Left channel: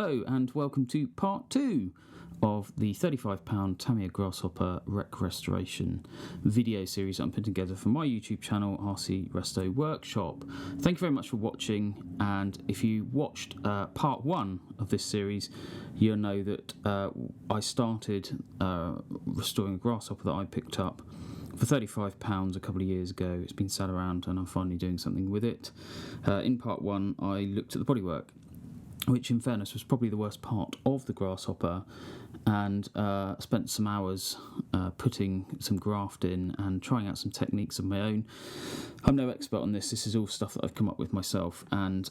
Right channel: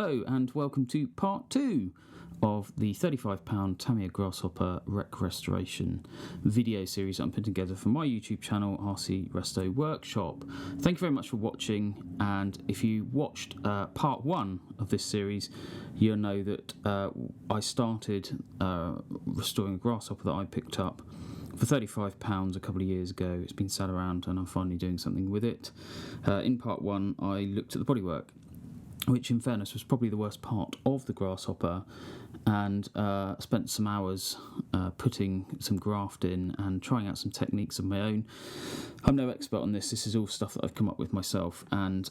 Hello and welcome to part 2 of the £35 Tamiya Grasshopper wreck restoration video series I'm putting together for my YouTube channel, RC Resto Workshop. Thank you very much for watching, and if you watched part 1 of this series, you'll know that I started restoring a Grasshopper that I picked up for £35 a couple of years ago. It's been sat around and I'm finally doing something with it. In part 1 I looked at the bodywork, which in fairness was probably the worst part of the Grasshopper, and spent some hours putting some graft in and trying out some techniques of my own. I'm no expert on this is all stuff that I've come up with myself, and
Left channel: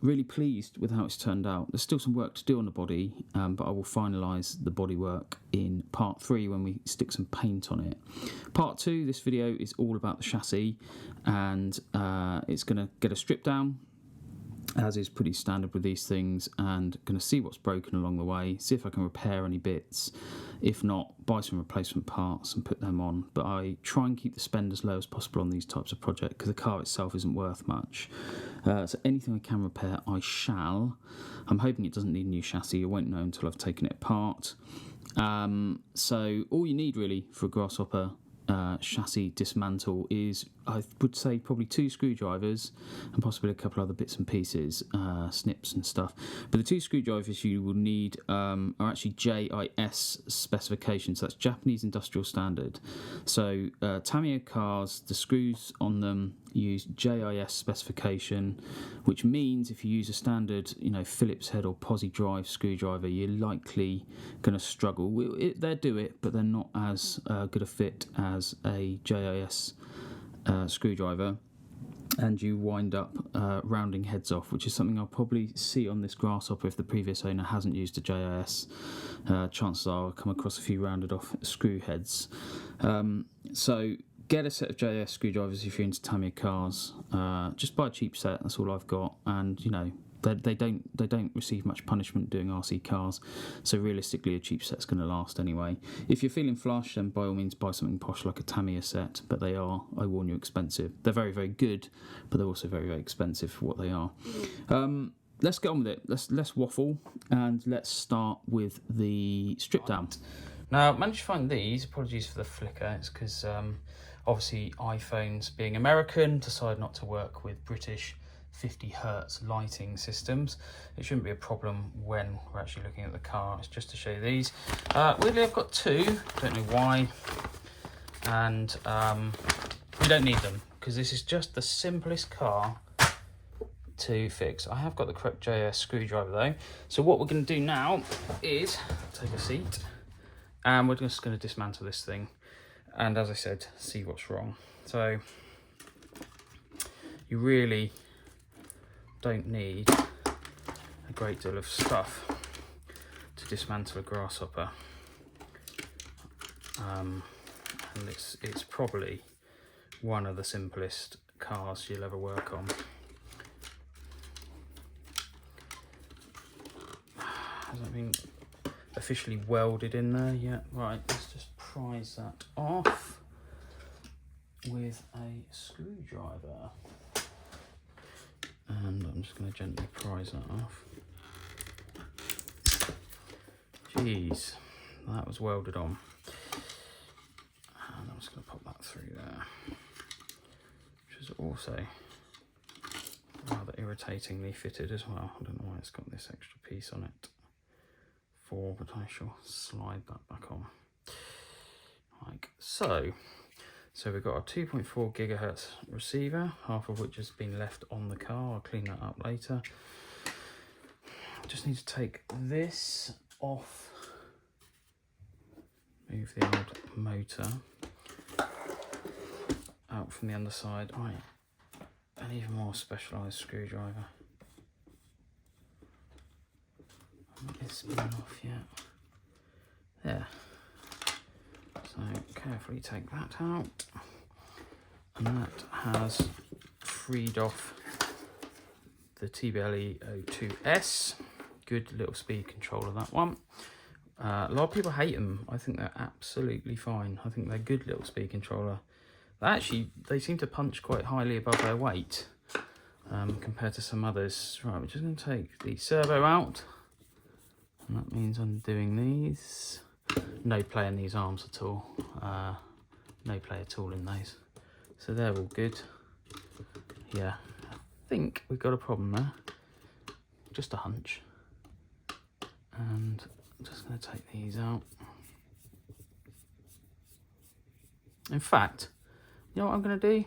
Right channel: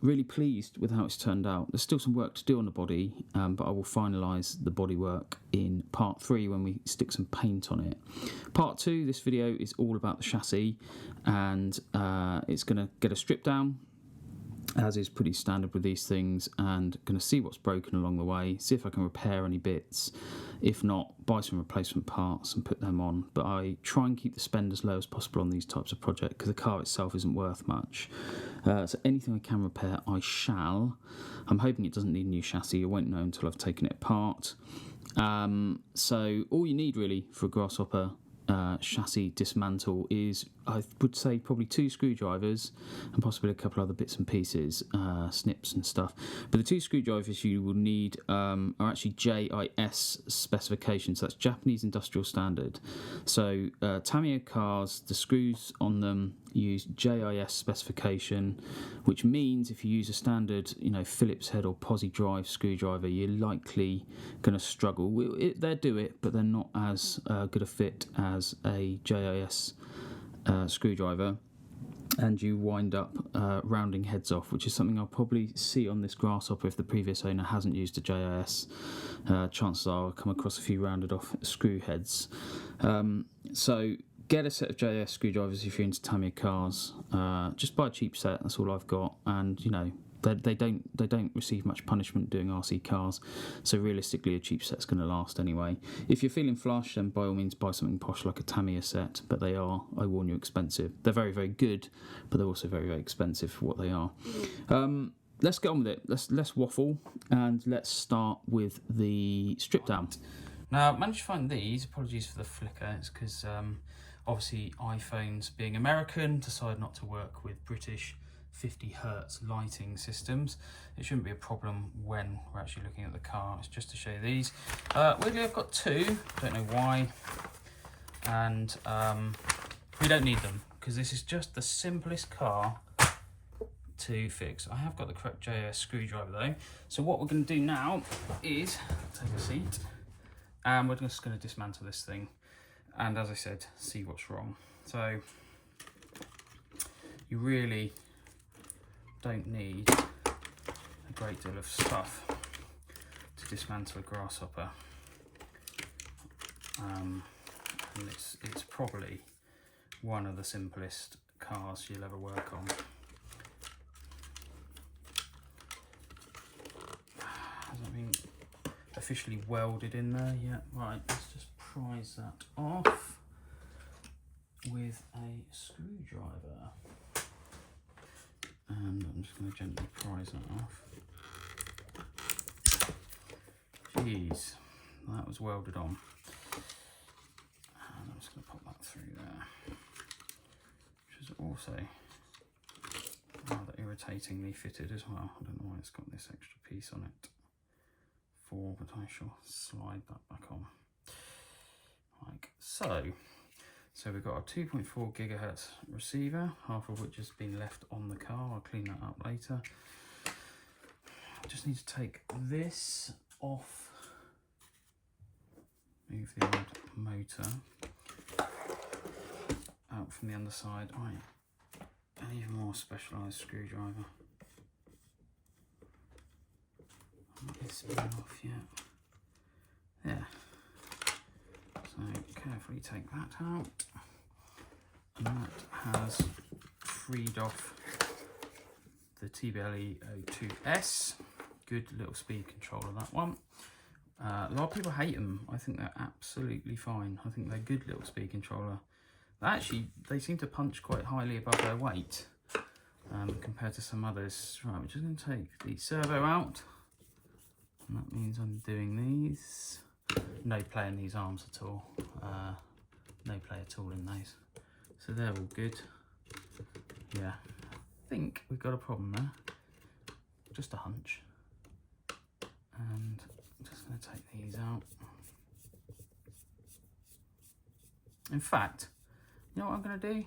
really pleased with how it's turned out. There's still some work to do on the body, but I will finalise the bodywork in part 3 when we stick some paint on it. Part 2, this video is all about the chassis, and it's going to get a strip down, as is pretty standard with these things, and going to see what's broken along the way, see if I can repair any bits. If not, buy some replacement parts and put them on. But I try and keep the spend as low as possible on these types of projects because the car itself isn't worth much. So anything I can repair, I shall. I'm hoping it doesn't need a new chassis. I won't know until I've taken it apart. So all you need really for a Grasshopper chassis dismantle is, I would say, probably 2 screwdrivers and possibly a couple other bits and pieces, snips and stuff. But the 2 screwdrivers you will need are actually JIS specifications. That's Japanese Industrial Standard. So Tamiya cars, the screws on them use JIS specification, which means if you use a standard, Phillips head or posi drive screwdriver, you're likely going to struggle. They do it, but they're not as good a fit as a JIS screwdriver, and you wind up rounding heads off, which is something I'll probably see on this Grasshopper if the previous owner hasn't used a JIS. Chances are I'll come across a few rounded off screw heads. So get a set of JIS screwdrivers if you're into Tamiya cars. Just buy a cheap set, that's all I've got, and they don't receive much punishment doing RC cars, so realistically a cheap set's going to last anyway. If you're feeling flush, then by all means buy something posh like a Tamiya set, but they are, I warn you, expensive. They're very, very good, but they're also very, very expensive for what they are. Let's get on with it. Let's waffle, and let's start with the strip down. Now, I managed to find these. Apologies for the flicker. It's because obviously iPhones, being American, decide not to work with British 50 hertz lighting systems. It shouldn't be a problem when we're actually looking at the car. It's just to show you these. Weirdly, I've got 2, don't know why, and we don't need them because this is just the simplest car to fix. I have got the correct JS screwdriver though, so what we're going to do now is take a seat and we're just going to dismantle this thing, and as I said, see what's wrong. So you really don't need a great deal of stuff to dismantle a Grasshopper, and it's probably one of the simplest cars you'll ever work on. Hasn't been officially welded in there yet. Right, let's just prise that off with a screwdriver. And I'm just going to gently prise that off. Jeez, that was welded on. And I'm just going to pop that through there, which is also rather irritatingly fitted as well. I don't know why it's got this extra piece on it for, but I shall slide that back on like so. So we've got a 2.4 gigahertz receiver, half of which has been left on the car. I'll clean that up later. Just need to take this off, move the old motor out from the underside. Right, an even more specialised screwdriver. Not this been off yet. There. So carefully take that out, and that has freed off the TBLE 02S. Good little speed controller, that one. A lot of people hate them. I think they're absolutely fine. I think they're good little speed controller. Actually, they seem to punch quite highly above their weight compared to some others. Right, we're just going to take the servo out. And that means undoing these. No play in these arms at all. No play at all in those. So they're all good. Yeah, I think we've got a problem there. Just a hunch. And I'm just going to take these out. In fact, you know what I'm going to do?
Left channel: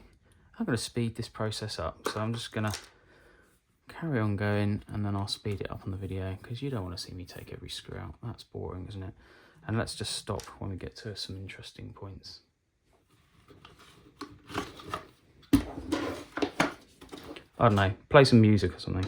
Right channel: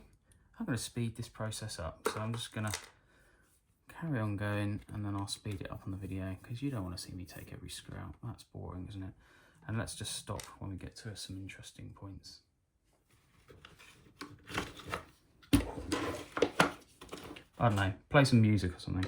I'm going to speed this process up. So I'm just going to carry on going, and then I'll speed it up on the video, because you don't want to see me take every screw out. That's boring, isn't it? And let's just stop when we get to some interesting points. I don't know, play some music or something.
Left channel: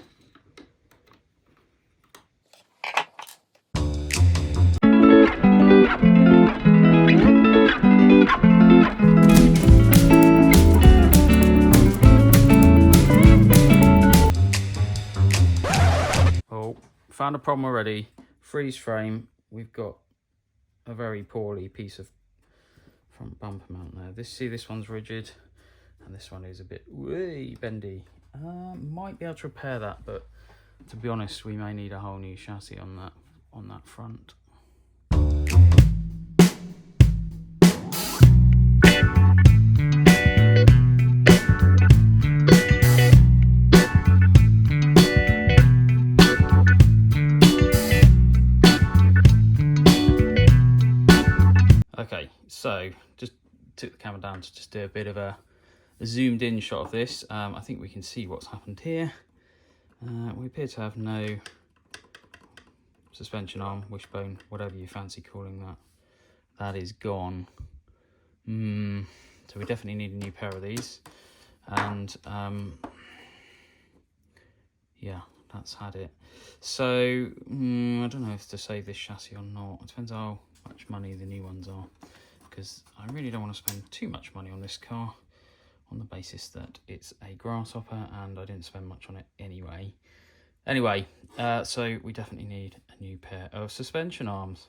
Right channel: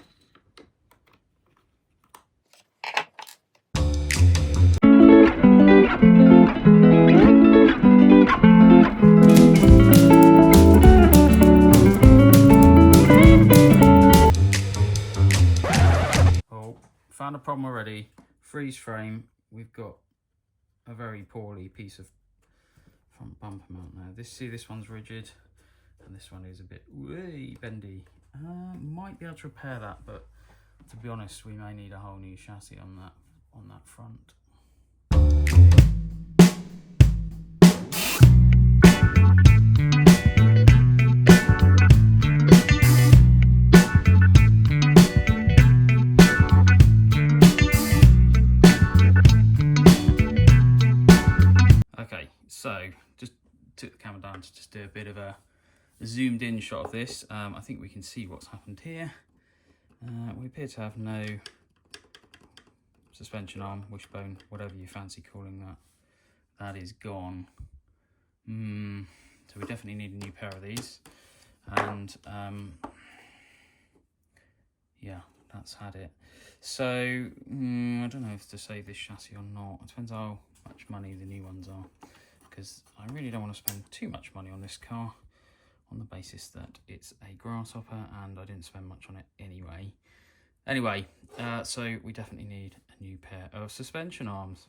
Oh, found a problem already. Freeze frame. We've got a very poorly piece of front bumper mount there. This one's rigid, and this one is a bit way bendy. Might be able to repair that, but to be honest, we may need a whole new chassis on that front. Okay, so just took the camera down to just do a bit of a zoomed in shot of this. I think we can see what's happened here. We appear to have no suspension arm, wishbone, whatever you fancy calling that. That is gone. So we definitely need a new pair of these. And yeah, that's had it. So I don't know if to save this chassis or not. It depends how much money the new ones are, because I really don't want to spend too much money on this car, on the basis that it's a Grasshopper and I didn't spend much on it anyway. Anyway, so we definitely need a new pair of suspension arms.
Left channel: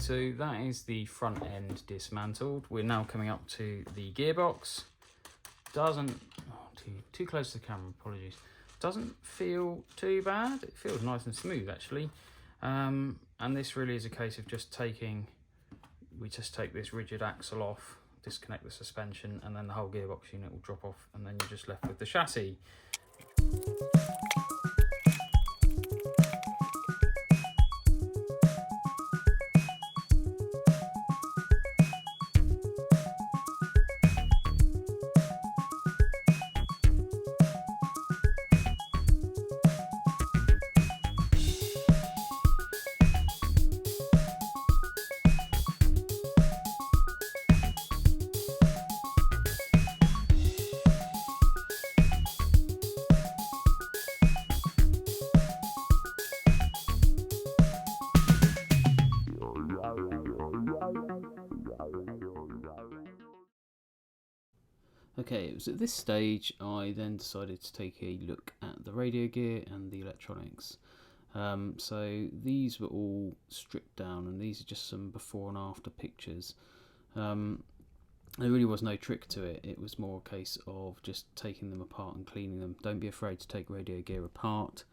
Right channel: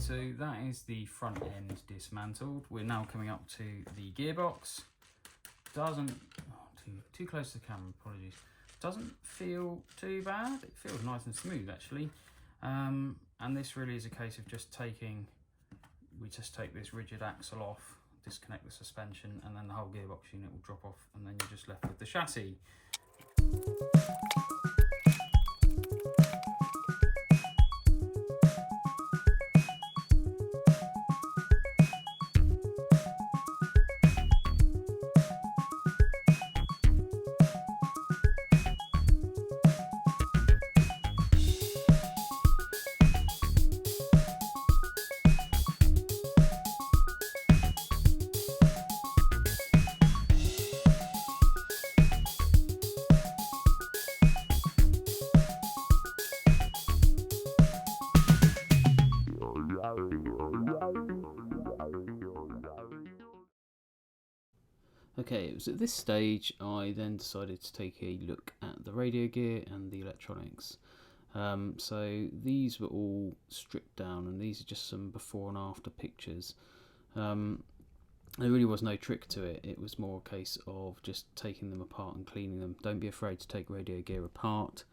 So that is the front end dismantled. We're now coming up to the gearbox. Doesn't, too close to the camera, apologies. Doesn't feel too bad. It feels nice and smooth actually. And this really is a case of just taking, we just take this rigid axle off, disconnect the suspension, and then the whole gearbox unit will drop off, and then you're just left with the chassis. Okay, it was at this stage I then decided to take a look at the radio gear and the electronics. So these were all stripped down, and these are just some before and after pictures. There really was no trick to it. It was more a case of just taking them apart and cleaning them. Don't be afraid to take radio gear apart.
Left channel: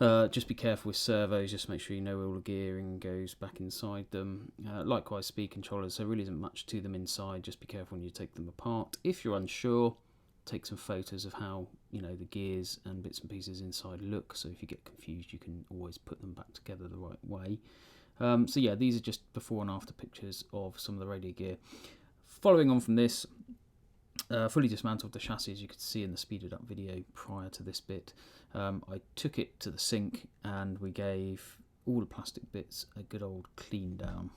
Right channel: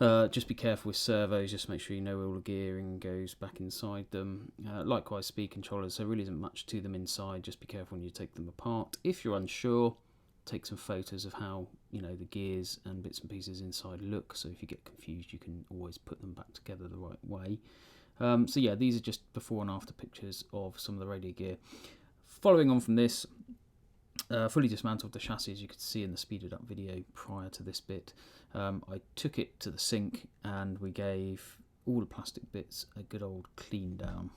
Just be careful with servos, just make sure you know all the gearing goes back inside them. Likewise speed controllers, there really isn't much to them inside, just be careful when you take them apart. If you're unsure, take some photos of how the gears and bits and pieces inside look, so if you get confused you can always put them back together the right way. So yeah, these are just before and after pictures of some of the radio gear. Following on from this, fully dismantled the chassis, as you could see in the speeded up video prior to this bit. I took it to the sink and we gave all the plastic bits a good old clean down.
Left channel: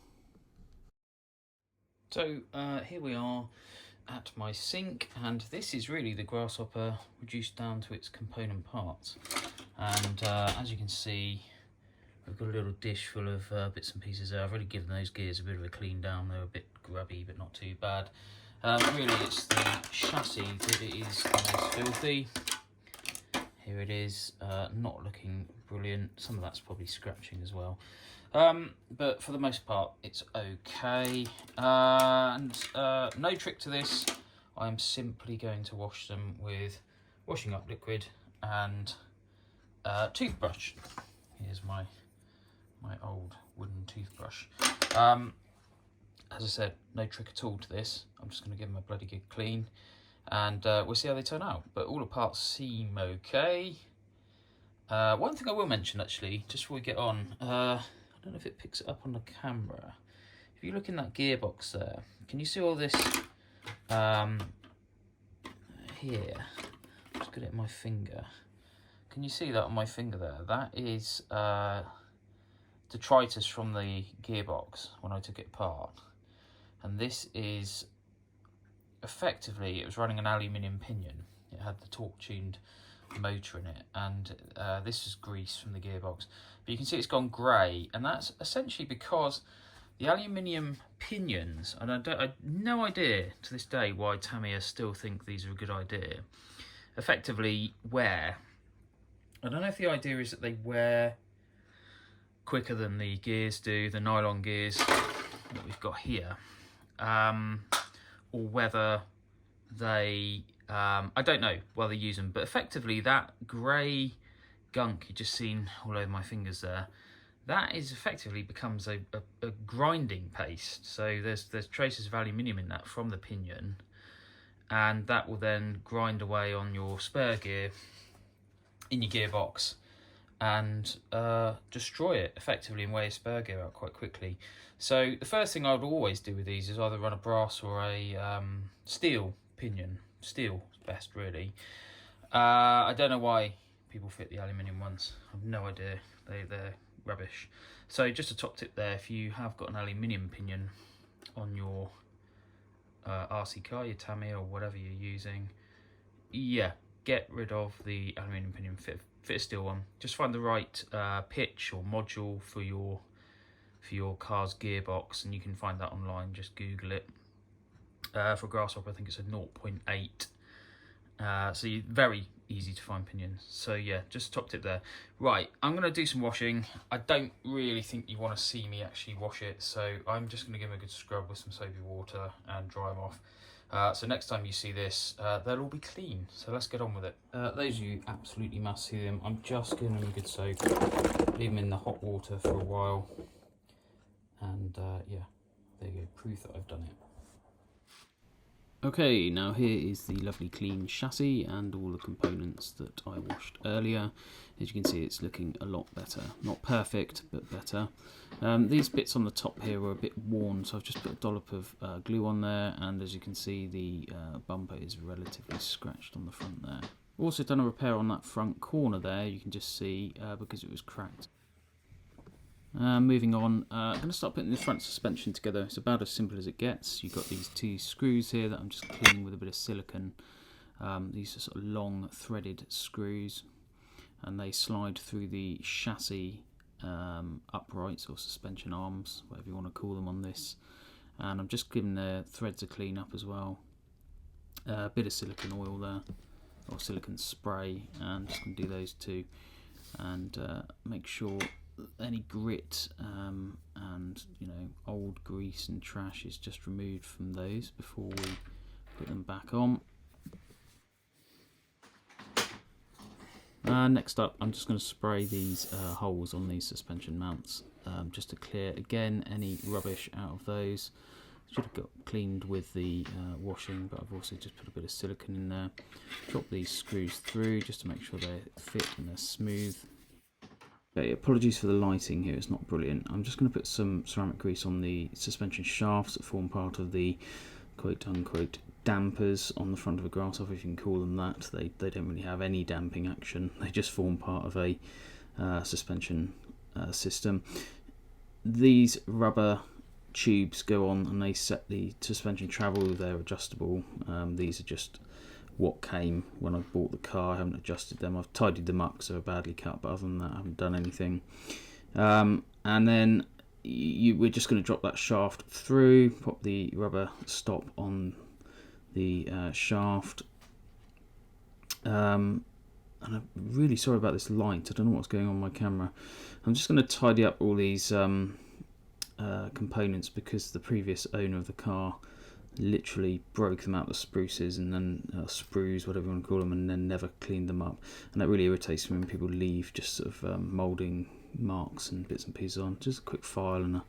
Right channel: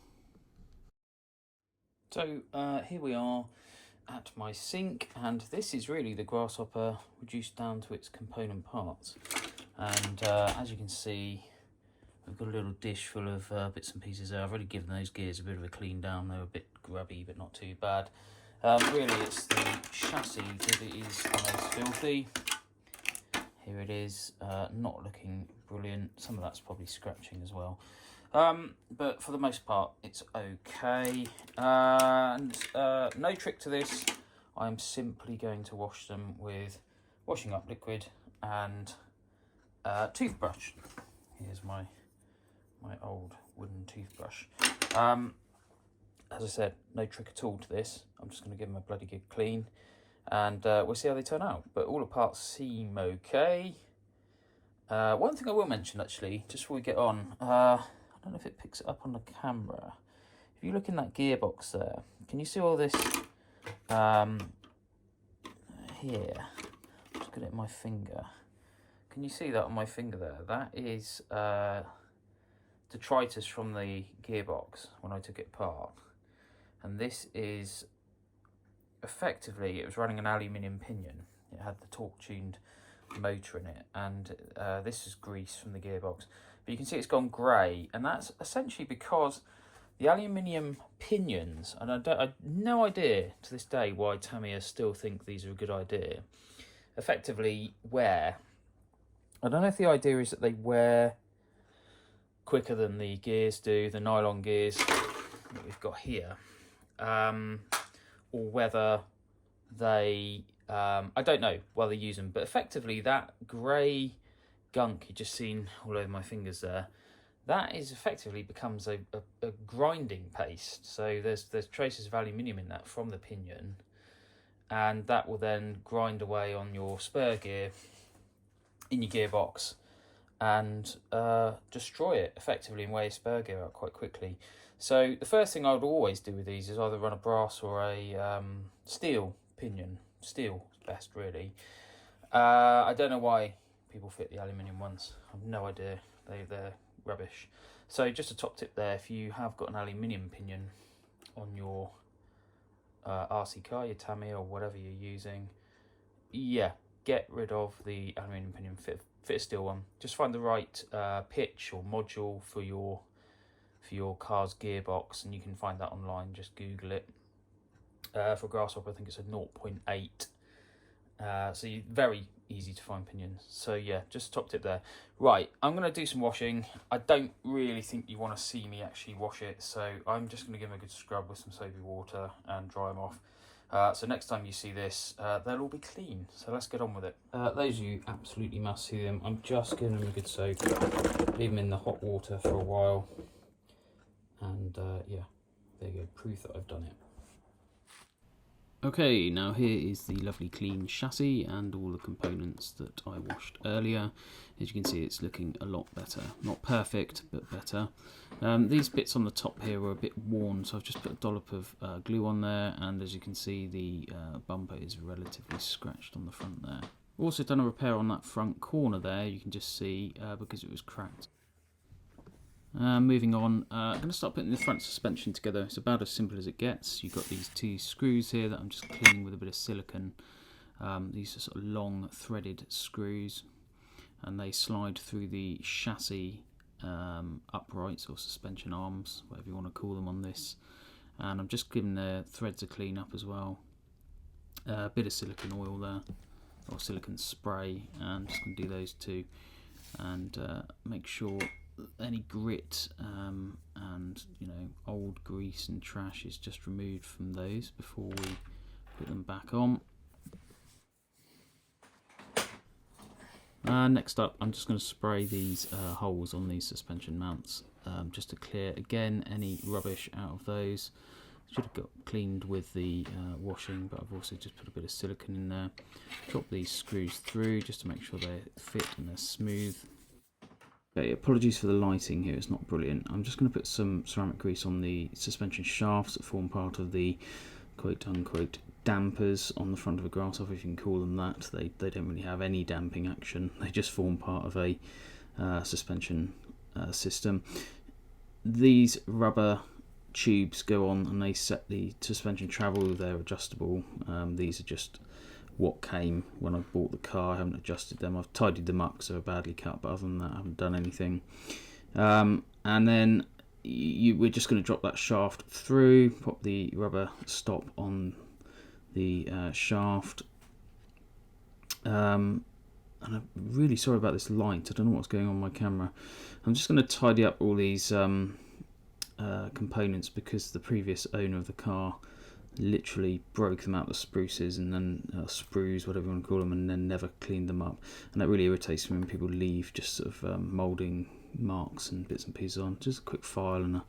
So here we are at my sink, and this is really the Grasshopper reduced down to its component parts. And as you can see, I've got a little dish full of bits and pieces there. I've already given those gears a bit of a clean down. They were a bit grubby but not too bad. Really, it's the chassis that it is most filthy. Here it is, not looking brilliant. Some of that's probably scratching as well. But for the most part, it's okay. And no trick to this. I'm simply going to wash them with washing up liquid and toothbrush. Here's my old wooden toothbrush. As I said, no trick at all to this. I'm just going to give them a bloody good clean, and we'll see how they turn out. But all the parts seem okay. One thing I will mention, actually, just before we get on, I don't know if it picks it up on the camera. If you look in that gearbox there, can you see all this here? Just get it in my finger. Can you see that on my finger there? That is detritus from the gearbox when I took it apart. And this is effectively, it was running an aluminium pinion. It had the torque-tuned motor in it, and this is grease from the gearbox. But you can see it's gone grey, and that's essentially because the aluminium pinions, and I have no idea to this day why Tamiya still think these are a good idea, effectively wear. I don't know if the idea is that they wear quicker than the gears do, the nylon gears that we've got here, or whether they, I don't know why they use them, but effectively that grey gunk you just seen all over my fingers there, that is effectively becomes a grinding paste. So there's traces of aluminium in that from the pinion, and that will then grind away on your spur gear in your gearbox and destroy it effectively and wear your spur gear out quite quickly. So the first thing I would always do with these is either run a brass or a steel pinion. Steel is best, really. I don't know why people fit the aluminium ones. I have no idea. They're rubbish. So just a top tip there, if you have got an aluminium pinion on your RC car, your Tamiya or whatever you're using, yeah, get rid of the aluminium pinion, fit a steel one. Just find the right pitch or module for your car's gearbox, and you can find that online. Just Google it. For Grasshopper, I think it's a 0.8. So very easy to find pinions. So yeah, just a top tip there. Right, I'm going to do some washing. I don't really think you want to see me actually wash it, so I'm just going to give them a good scrub with some soapy water and dry them off. So next time you see this, they'll all be clean. So let's get on with it. Those of you absolutely must see them. I'm just giving them a good soak. Leave them in the hot water for a while. And yeah, there you go, proof that I've done it. Okay, now here is the lovely clean chassis and all the components that I washed earlier. As you can see, it's looking a lot better. Not perfect, but better. These bits on the top here were a bit worn, so I've just put a dollop of glue on there, and as you can see, the bumper is relatively scratched on the front there. Also done a repair on that front corner there, you can just see, because it was cracked. Moving on, I'm going to start putting the front suspension together. It's about as simple as it gets. You've got these two screws here that I'm just cleaning with a bit of silicone. These are sort of long threaded screws, and they slide through the chassis uprights or suspension arms, whatever you want to call them on this. And I'm just giving the threads a clean up as well. A bit of silicone oil there, or silicone spray, and just going to do those two, and make sure any grit and old grease and trash is just removed from those before we put them back on. Next up, I'm just going to spray these holes on these suspension mounts just to clear again any rubbish out of those. Should have got cleaned with the washing, but I've also just put a bit of silicone in there. Drop these screws through just to make sure they fit and they're smooth. Okay, apologies for the lighting here, it's not brilliant. I'm just going to put some ceramic grease on the suspension shafts that form part of the quote-unquote dampers on the front of a Grasshopper, if you can call them that. They don't really have any damping action, they just form part of a suspension system. These rubber tubes go on and they set the suspension travel, they're adjustable. These are just what came when I bought the car. I haven't adjusted them. I've tidied them up because they were badly cut, but other than that I haven't done anything. And then we're just going to drop that shaft through, pop the rubber stop on the shaft. And I'm really sorry about this light. I don't know what's going on with my camera. I'm just going to tidy up all these components, because the previous owner of the car literally broke them out the spruces and then sprues, whatever you want to call them, and then never cleaned them up. And that really irritates me when people leave just sort of moulding marks and bits and pieces on. Just a quick file and a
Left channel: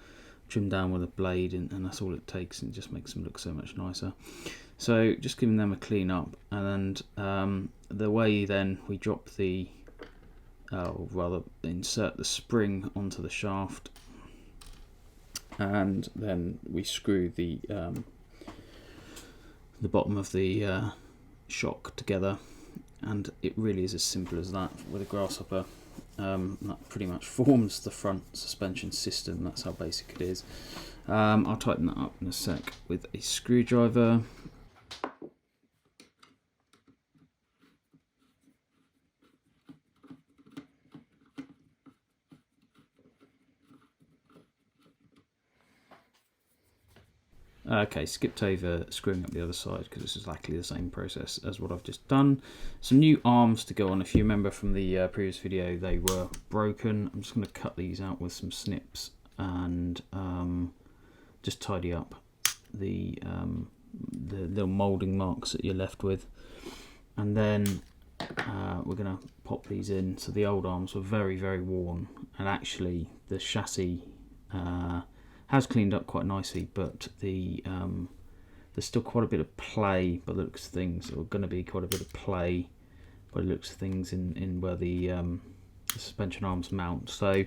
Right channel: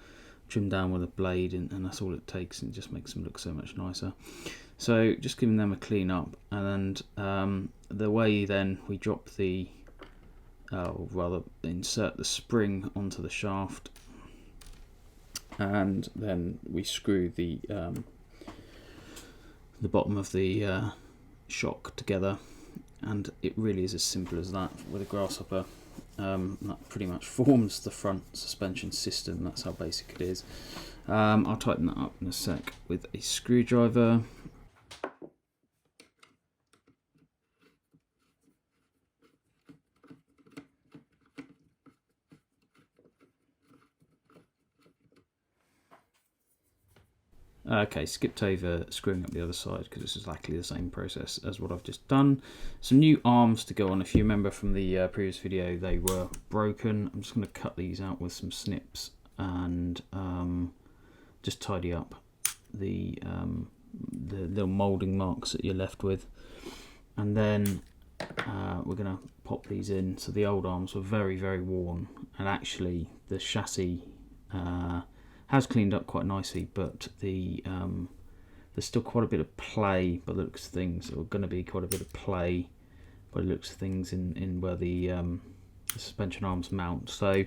trim down with a blade, and that's all it takes, and it just makes them look so much nicer. So just giving them a clean up, and the way then we drop the, or rather insert the spring onto the shaft, and then we screw the bottom of the shock together, and it really is as simple as that with a Grasshopper. That pretty much forms the front suspension system. That's how basic it is. I'll tighten that up in a sec with a screwdriver. Okay, skipped over screwing up the other side because it's exactly the same process as what I've just done. Some new arms to go on. If you remember from the previous video, they were broken. I'm just going to cut these out with some snips and just tidy up the little moulding marks that you're left with. And then we're going to pop these in. So the old arms were very, very worn, and actually the chassis has cleaned up quite nicely, but there's still quite a bit of play by the looks of things, or going to be quite a bit of play by the looks of things in where the suspension arms mount. So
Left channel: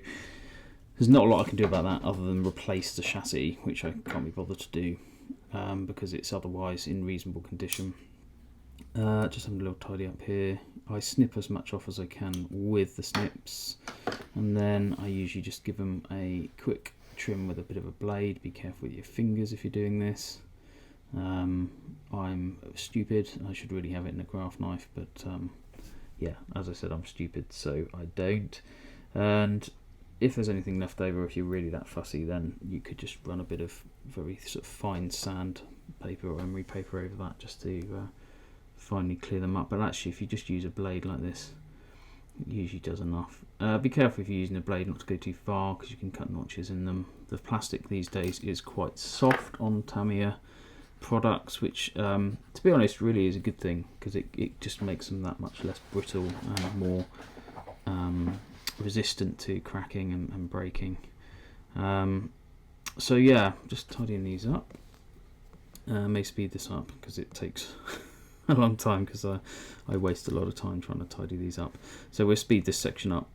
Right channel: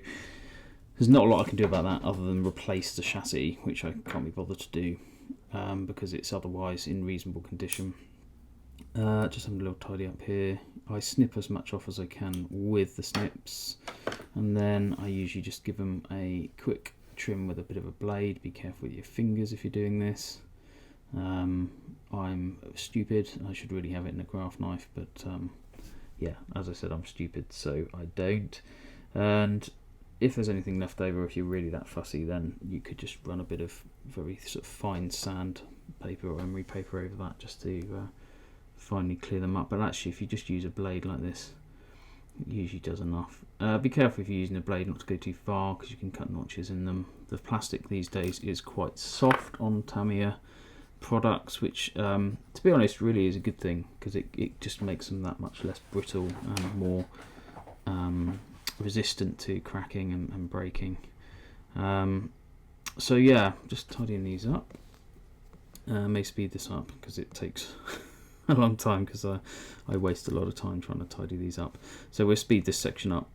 there's not a lot I can do about that other than replace the chassis, which I can't be bothered to do because it's otherwise in reasonable condition. Just having a little tidy up here. I snip as much off as I can with the snips, and then I usually just give them a quick trim with a bit of a blade. Be careful with your fingers if you're doing this. I'm stupid. I should really have it in a craft knife, but yeah, as I said, I'm stupid, so I don't. And if there's anything left over, if you're really that fussy, then you could just run a bit of very sort of fine sand paper or emery paper over that just to finally clear them up. But actually, if you just use a blade like this, it usually does enough. Be careful if you're using a blade not to go too far, because you can cut notches in them. The plastic these days is quite soft on Tamiya products, which to be honest really is a good thing, because it just makes them that much less brittle and more resistant to cracking and breaking. So yeah, just tidying these up. May speed this up because it takes a long time, because I waste a lot of time trying to tidy these up. So we'll speed this section up.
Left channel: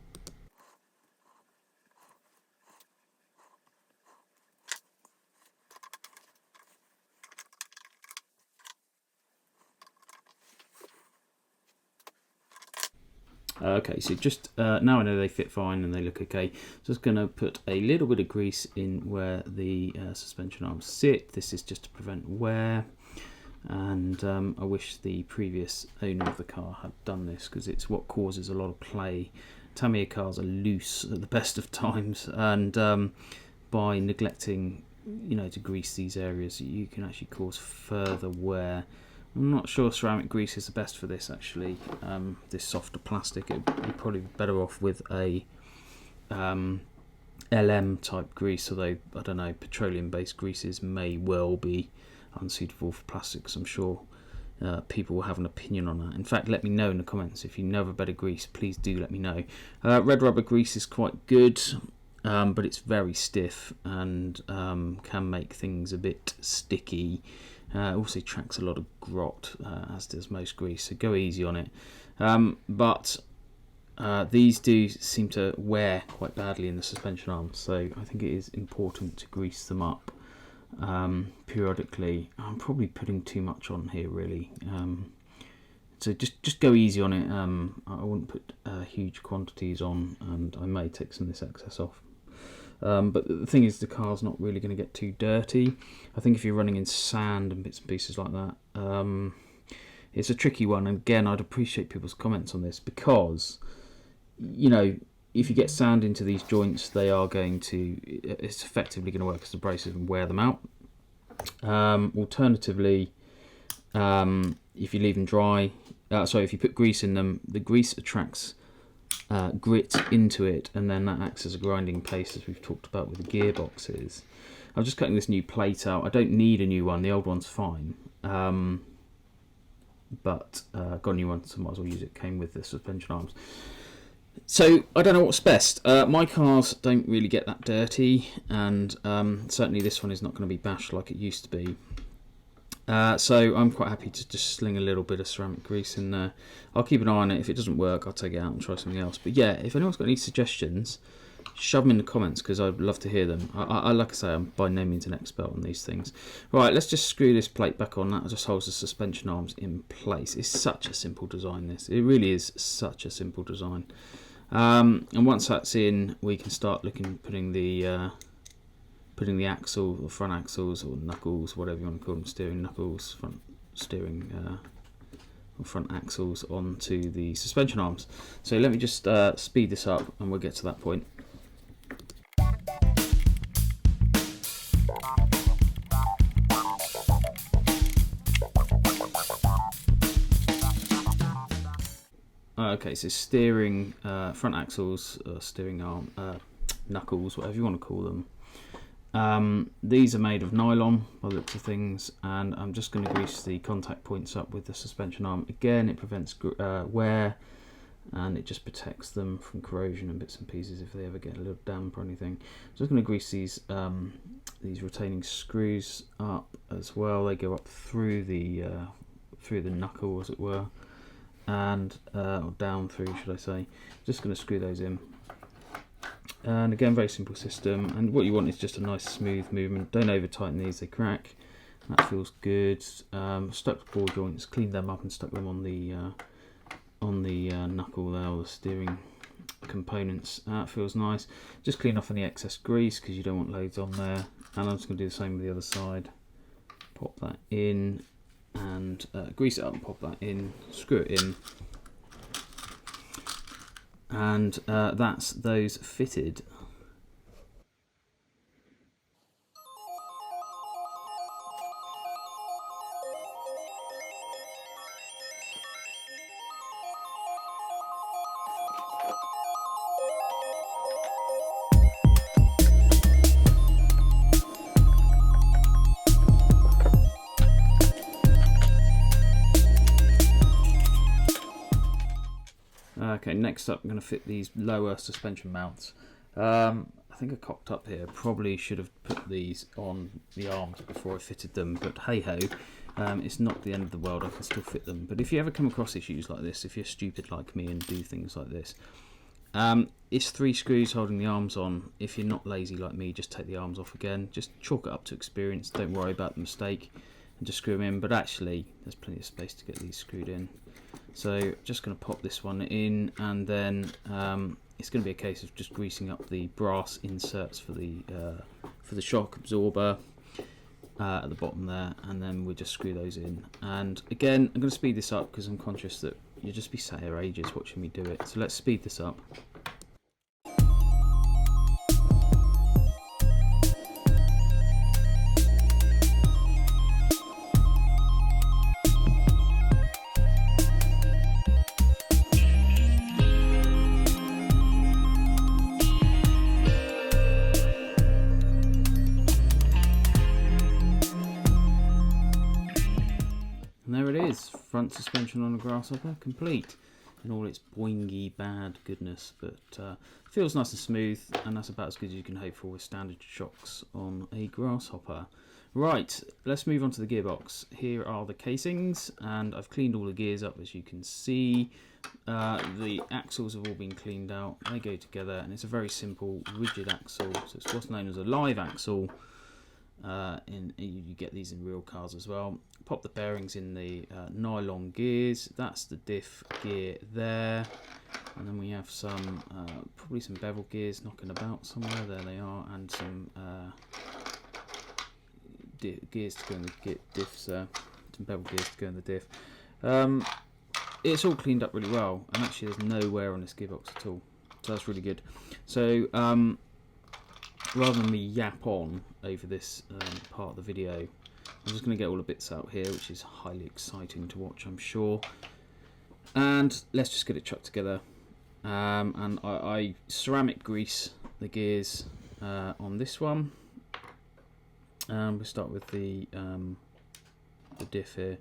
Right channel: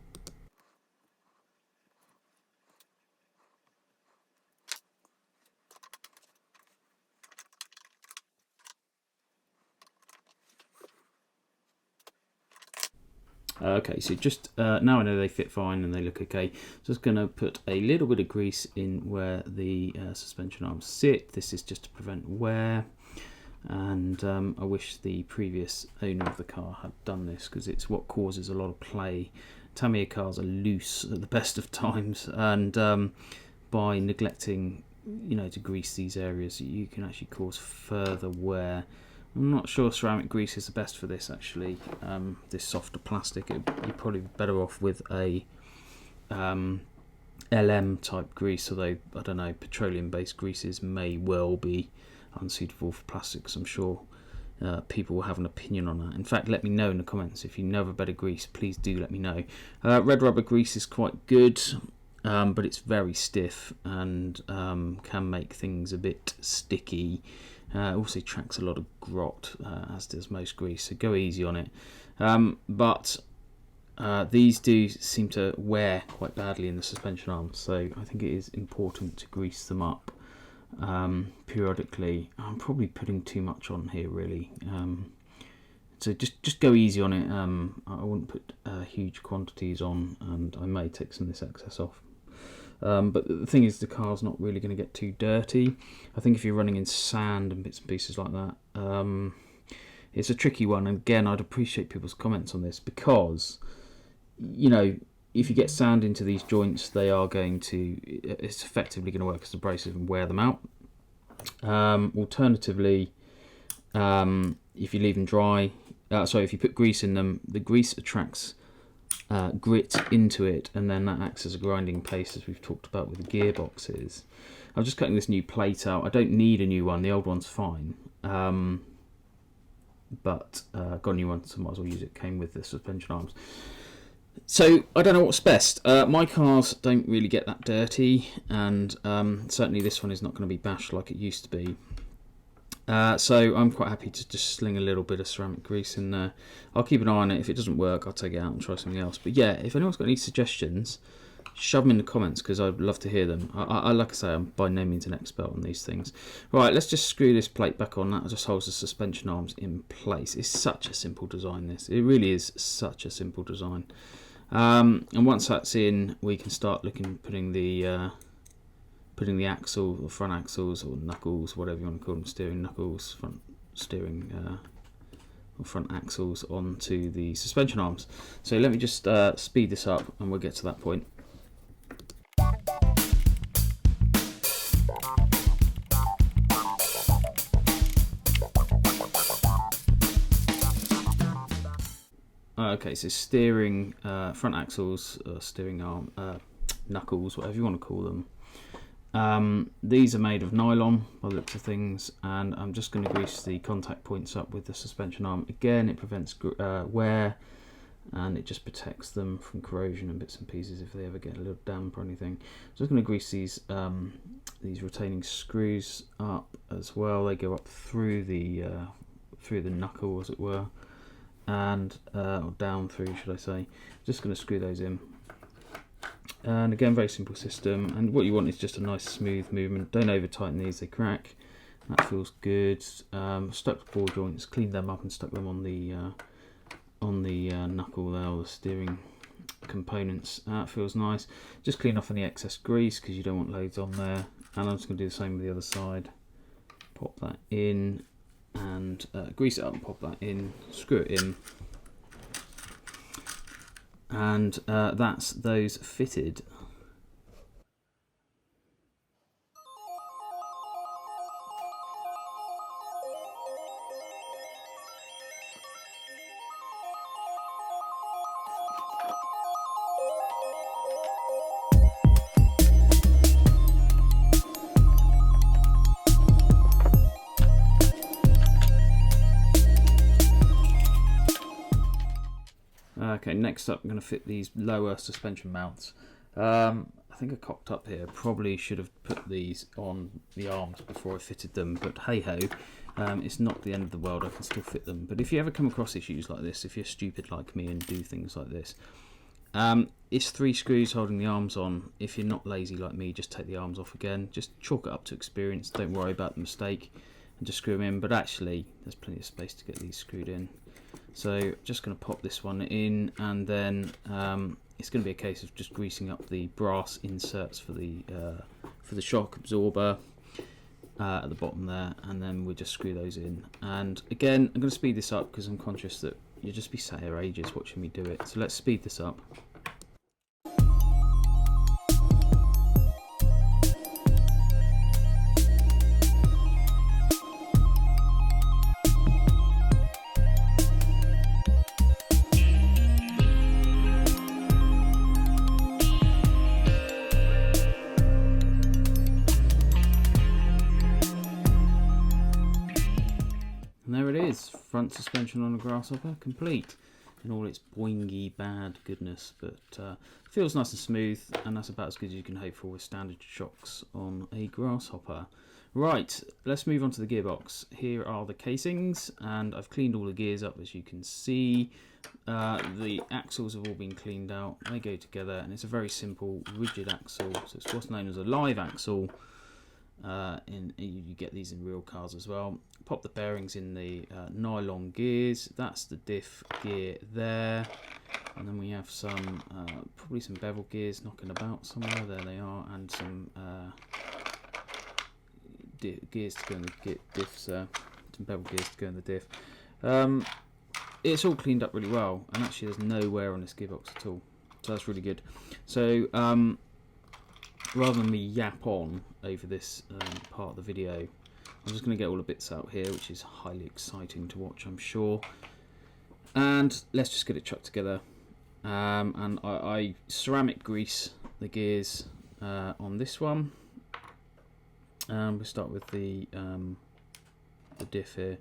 Okay, so just now I know they fit fine and they look okay. Just going to put a little bit of grease in where the suspension arms sit. This is just to prevent wear. And I wish the previous owner of the car had done this, because it's what causes a lot of play. Tamiya cars are loose at the best of times, and by neglecting, to grease these areas, you can actually cause further wear. I'm not sure ceramic grease is the best for this actually. This softer plastic, you're probably better off with a LM type grease, although I don't know, petroleum based greases may well be unsuitable for plastics. I'm sure people will have an opinion on that. In fact, let me know in the comments if you know of a better grease. Please do let me know. Red rubber grease is quite good, but it's very stiff and can make things a bit sticky. Also tracks a lot of grot, as does most grease, so go easy on it. But these do seem to wear quite badly in the suspension arms, so I think it is important to grease them up periodically. I'm probably putting too much on here really, so just go easy on it. I wouldn't put huge quantities on, and I may take some of this excess off. But the thing is, the car's not really going to get too dirty. I think if you're running in sand and bits and pieces like that, it's a tricky one. And again, I'd appreciate people's comments on this, because if you get sand into these joints, it's effectively going to work as abrasive and wear them out. Alternatively, If you leave them dry, if you put grease in them, the grease attracts grit into it, and then that acts as a grinding paste, as we've talked about with the gearboxes. I'm just cutting this new plate out. I don't need a new one, the old one's fine. But got a new one, so might as well use it. Came with the suspension arms. So I don't know what's best. My cars don't really get that dirty, and certainly this one is not going to be bashed like it used to be. So I'm quite happy to just sling a little bit of ceramic grease in there. I'll keep an eye on it. If it doesn't work, I'll take it out and try something else. But yeah, if anyone's got any suggestions, shove them in the comments, because I'd love to hear them. I like I say, I'm by no means an expert on these things. Right, let's just screw this plate back on. That just holds the suspension arms in place. It's such a simple design, this. It really is such a simple design. And once that's in, we can start putting the axle, or front axles, or knuckles, whatever you want to call them, steering knuckles, front steering or front axles onto the suspension arms. So let me just speed this up, and we'll get to that point. Okay, so steering front axles, steering arm, knuckles, whatever you want to call them. These are made of nylon by the looks of things, and I'm just going to grease the contact points up with the suspension arm. Again, it prevents wear, and it just protects them from corrosion and bits and pieces if they ever get a little damp or anything. Just going to grease these retaining screws up as well. They go up through the knuckle, as it were, and or down through, should I say. Just going to screw those in. And again, very simple system, and what you want is just a nice smooth movement. Don't over tighten these, they crack. That feels good. Stuck the ball joints, cleaned them up and stuck them on the knuckle there, or the steering components. That feels nice. Just clean off any excess grease, because you don't want loads on there. And I'm just going to do the same with the other side. Pop that in, and grease it up and pop that in, screw it in. And that's those fitted. Okay, next up I'm going to fit these lower suspension mounts. I think I cocked up here. Probably should have put these on the arms before I fitted them, but hey ho, it's not the end of the world. I can still fit them. But if you ever come across issues like this, if you're stupid like me and do things like this, it's 3 screws holding the arms on. If you're not lazy like me, just take the arms off again. Just chalk it up to experience. Don't worry about the mistake, and just screw them in. But actually, there's plenty of space to get these screwed in. So just going to pop this one in, and then it's going to be a case of just greasing up the brass inserts for the shock absorber at the bottom there, and then we'll just screw those in. And again, I'm going to speed this up because I'm conscious that you'll just be sat here ages watching me do it. So let's speed this up. And there it is, front suspension on a Grasshopper, complete in all its boingy bad goodness, but feels nice and smooth, and that's about as good as you can hope for with standard shocks on a Grasshopper. Right, let's move on to the gearbox. Here are the casings, and I've cleaned all the gears up, as you can see. The axles have all been cleaned out, they go together, and it's a very simple rigid axle, so it's what's known as a live axle. You get these in real cars as well. Pop the bearings in the nylon gears. That's the diff gear there, and then we have some probably some bevel gears knocking about somewhere. There they are, and some gears to go in the diffs there. Some bevel gears to go in the diff. It's all cleaned up really well, and actually there's no wear on this gearbox at all, so that's really good. So rather than me yap on over this part of the video, I'm just going to get all the bits out here, which is highly exciting to watch, I'm sure. And let's just get it chucked together. And I ceramic grease the gears on this one. We'll start with the diff here,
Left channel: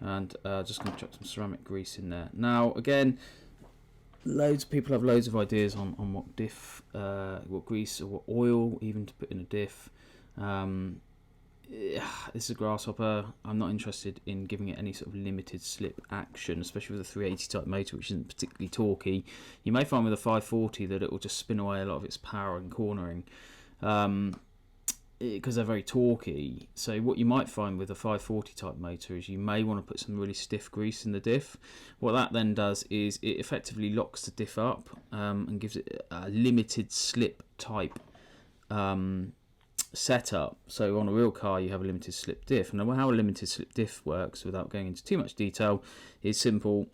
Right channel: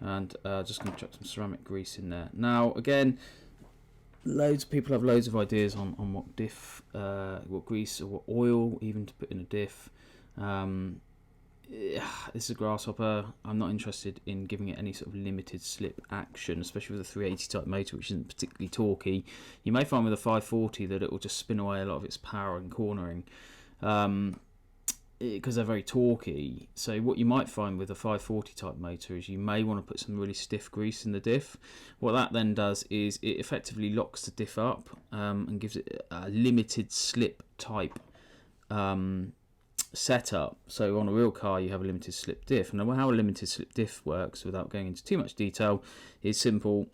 and just going to chuck some ceramic grease in there. Now again, loads of people have loads of ideas on what diff, what grease or what oil even to put in a diff. This is a Grasshopper. I'm not interested in giving it any sort of limited slip action, especially with a 380 type motor, which isn't particularly torquey. You may find with a 540 that it will just spin away a lot of its power and cornering, because they're very torquey. So what you might find with a 540 type motor is you may want to put some really stiff grease in the diff. What that then does is it effectively locks the diff up and gives it a limited slip type setup. So on a real car you have a limited slip diff, and how a limited slip diff works, without going into too much detail, is simple.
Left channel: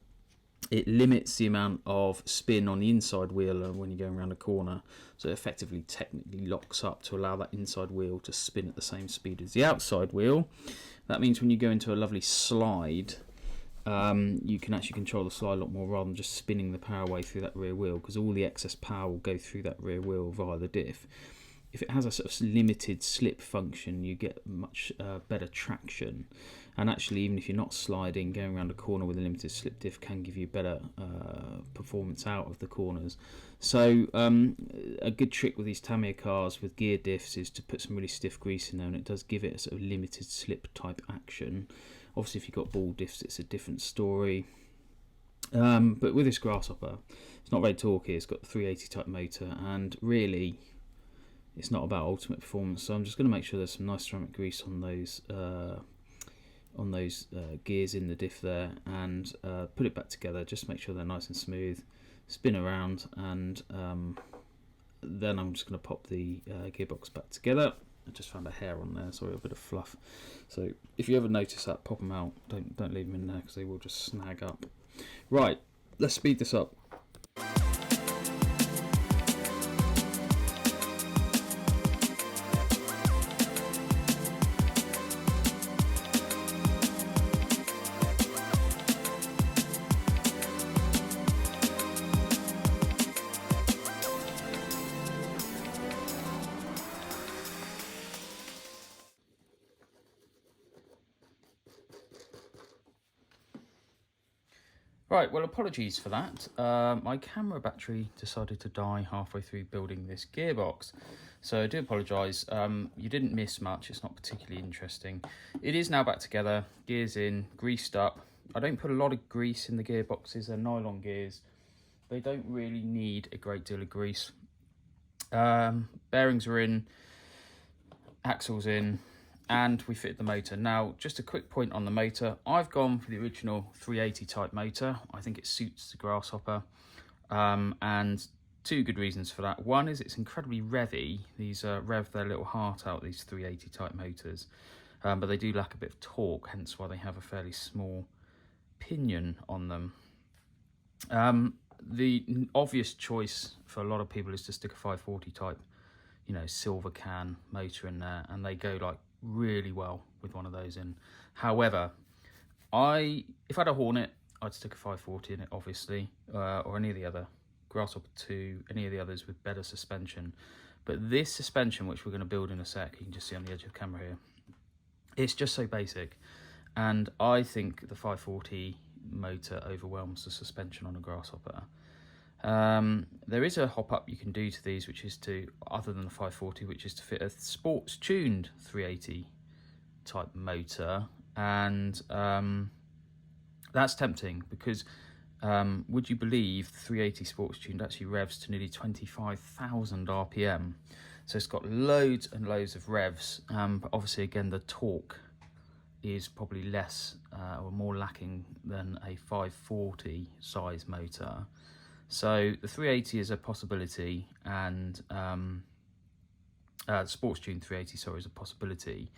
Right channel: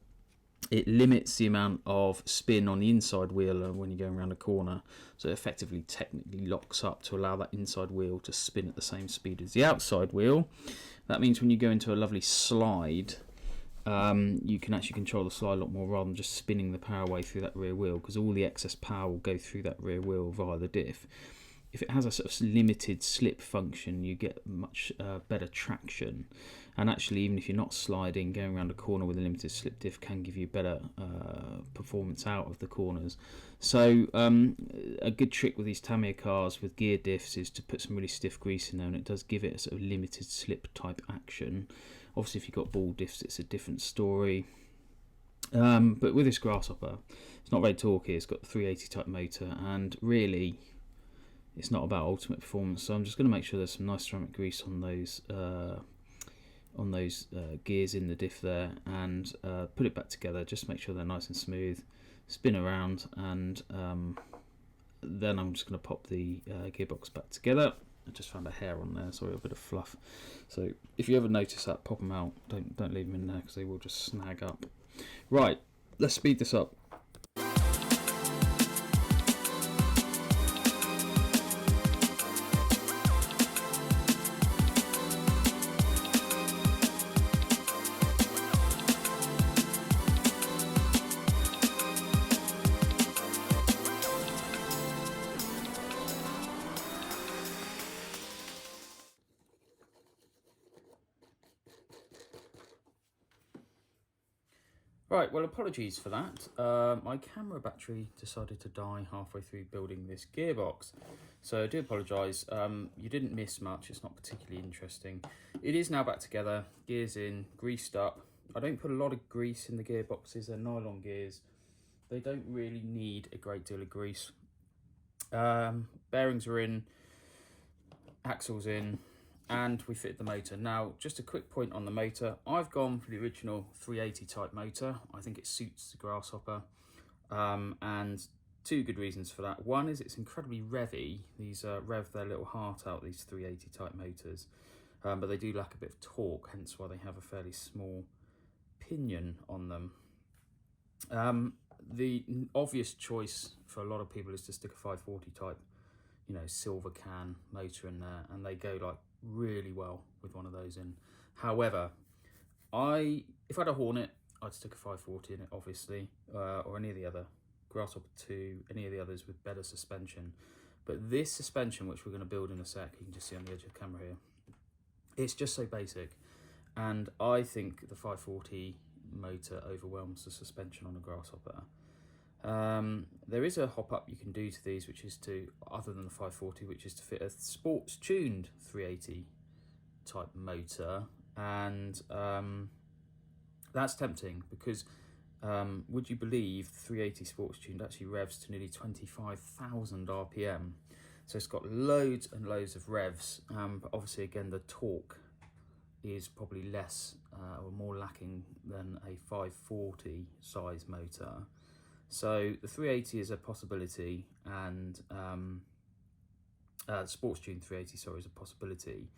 It limits the amount of spin on the inside wheel when you're going around a corner, so it effectively technically locks up to allow that inside wheel to spin at the same speed as the outside wheel. That means when you go into a lovely slide, you can actually control the slide a lot more rather than just spinning the power away through that rear wheel, because all the excess power will go through that rear wheel via the diff. If it has a sort of limited slip function, you get much better traction. And actually, even if you're not sliding, going around a corner with a limited slip diff can give you better performance out of the corners. So a good trick with these Tamiya cars with gear diffs is to put some really stiff grease in there, and it does give it a sort of limited slip type action. Obviously, if you've got ball diffs, it's a different story. But with this Grasshopper, it's not very torquey. It's got the 380 type motor, and really, it's not about ultimate performance. So I'm just going to make sure there's some nice ceramic grease on those gears in the diff there, and put it back together. Just make sure they're nice and smooth. Spin around, and then I'm just going to pop the gearbox back together. I just found a hair on there, sorry, a bit of fluff. So if you ever notice that, pop them out. Don't leave them in there, because they will just snag up. Right, let's speed this up. Right, well, apologies for that. My camera battery decided to die halfway through building this gearbox, so I do apologise. You didn't miss much. It's not particularly interesting. It is now back together, gears in, greased up. I don't put a lot of grease in the gearboxes. They're nylon gears. They don't really need a great deal of grease. Bearings are in, axles in, and we fitted the motor. Now, just a quick point on the motor. I've gone for the original 380 type motor. I think it suits the Grasshopper, and two good reasons for that. One is it's incredibly revvy. These rev their little heart out, these 380 type motors, but they do lack a bit of torque, hence why they have a fairly small pinion on them. The obvious choice for a lot of people is to stick a 540 type, silver can motor in there, and they go like really well with one of those in. However, if I had a Hornet, I'd stick a 540 in it, obviously, or any of the other Grasshopper 2, any of the others with better suspension. But this suspension, which we're going to build in a sec, you can just see on the edge of the camera here, it's just so basic, and I think the 540 motor overwhelms the suspension on a Grasshopper. There is a hop up you can do to these, which is to, other than the 540, which is to fit a sports tuned 380 type motor, and that's tempting, because would you believe 380 sports tuned actually revs to nearly 25,000 RPM, so it's got loads and loads of revs, but obviously again the torque is probably less or more lacking than a 540 size motor. So the 380 is a possibility, and the sports tune 380, sorry, is a possibility.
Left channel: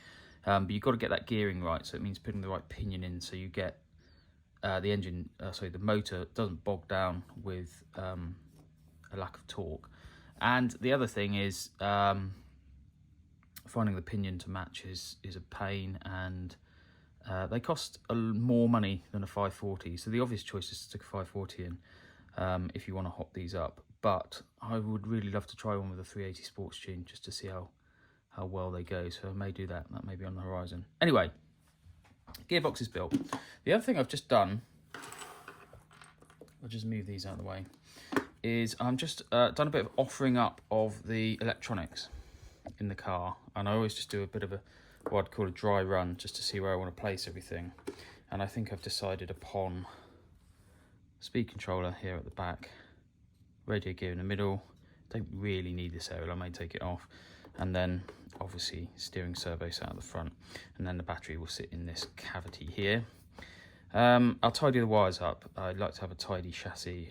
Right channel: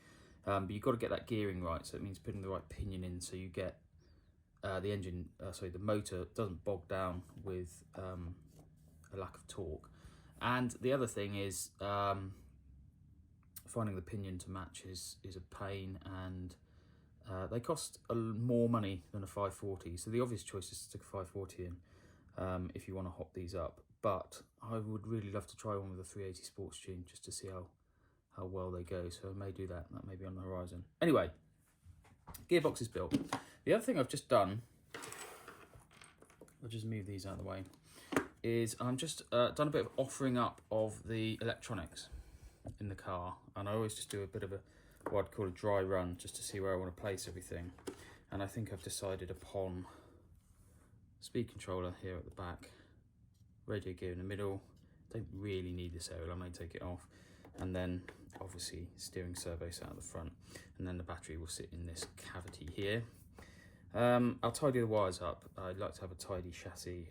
But you've got to get that gearing right, so it means putting the right pinion in, so you get the motor doesn't bog down with a lack of torque. And the other thing is, finding the pinion to match is a pain, and they cost more money than a 540. So the obvious choice is to stick a 540 in if you want to hop these up. But I would really love to try one with a 380 Sports Tune just to see how well they go. So I may do that. That may be on the horizon. Anyway, gearbox is built. The other thing I've just done, I'll just move these out of the way, is I'm just done a bit of offering up of the electronics in the car. And I always just do a bit of what I'd call a dry run just to see where I want to place everything. And I think I've decided upon speed controller here at the back, radio gear in the middle. Don't really need this area, I may take it off. And then obviously steering servo out at the front, and then the battery will sit in this cavity here. I'll tidy the wires up. I'd like to have a tidy chassis.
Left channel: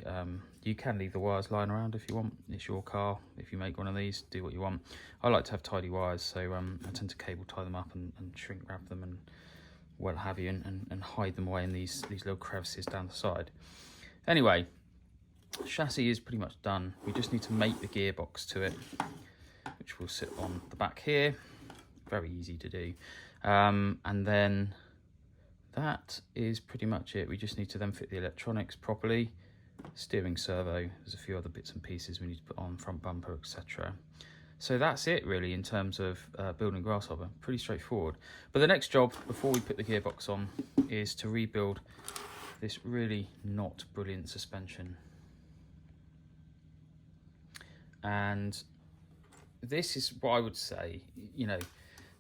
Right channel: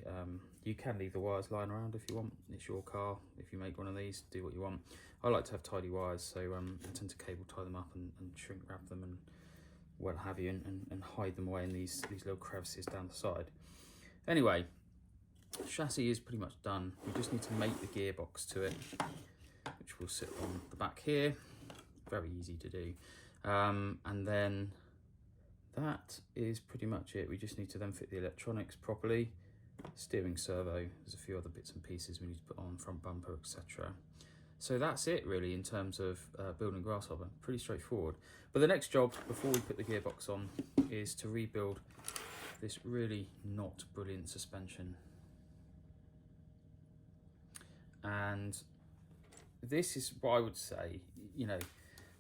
You can leave the wires lying around if you want. It's your car. If you make one of these, do what you want. I like to have tidy wires, so I tend to cable tie them up and shrink wrap them and what have you, and hide them away in these little crevices down the side. Anyway, the chassis is pretty much done. We just need to make the gearbox to it, which will sit on the back here. Very easy to do. And then that is pretty much it. We just need to then fit the electronics properly. Steering servo, there's a few other bits and pieces we need to put on, front bumper, etc. So that's it really in terms of building Grasshopper. Pretty straightforward. But the next job before we put the gearbox on is to rebuild this really not brilliant suspension. And this is what I would say, you know,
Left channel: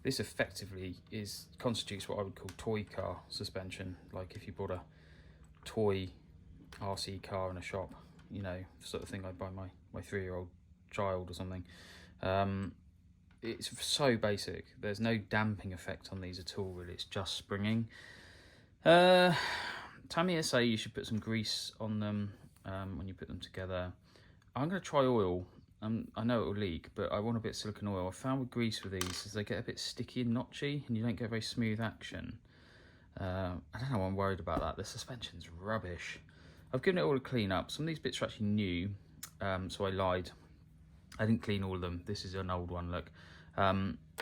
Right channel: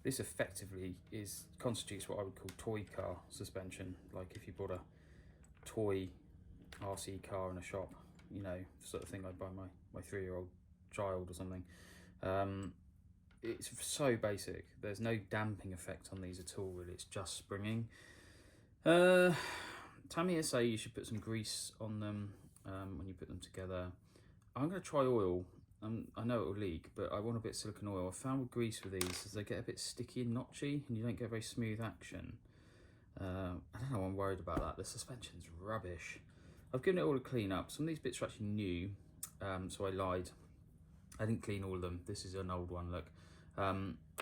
this effectively constitutes what I would call toy car suspension. Like if you bought a toy RC car in a shop, you know, sort of thing I'd buy my 3-year-old child or something. It's so basic. There's no damping effect on these at all, really. It's just springing. Tamiya say you should put some grease on them when you put them together. I'm going to try oil. I know it will leak, but I want a bit of silicone oil. I found with grease with these is they get a bit sticky and notchy, and you don't get very smooth action. I don't know why I'm worried about that. The suspension's rubbish. I've given it all a clean up. Some of these bits are actually new, so I lied. I didn't clean all of them. This is an old one, look.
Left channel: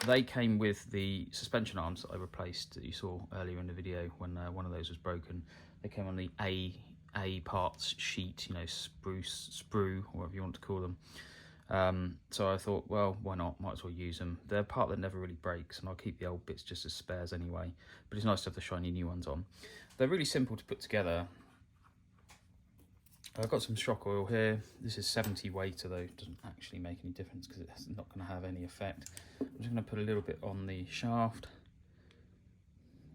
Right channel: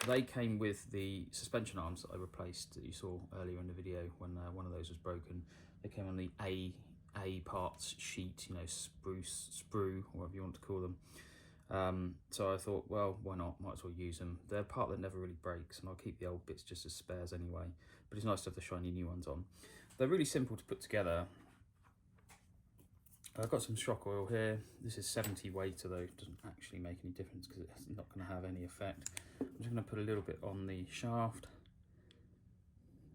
They came with the suspension arms that I replaced that you saw earlier in the video when one of those was broken. They came on the A parts sheet, you know, sprue, or whatever you want to call them. So I thought, well, why not? Might as well use them. They're a part that never really breaks, and I'll keep the old bits just as spares anyway. But it's nice to have the shiny new ones on. They're really simple to put together. I've got some shock oil here. This is 70 weight, although it doesn't actually make any difference because it's not going to have any effect. I'm just going to put a little bit on the shaft.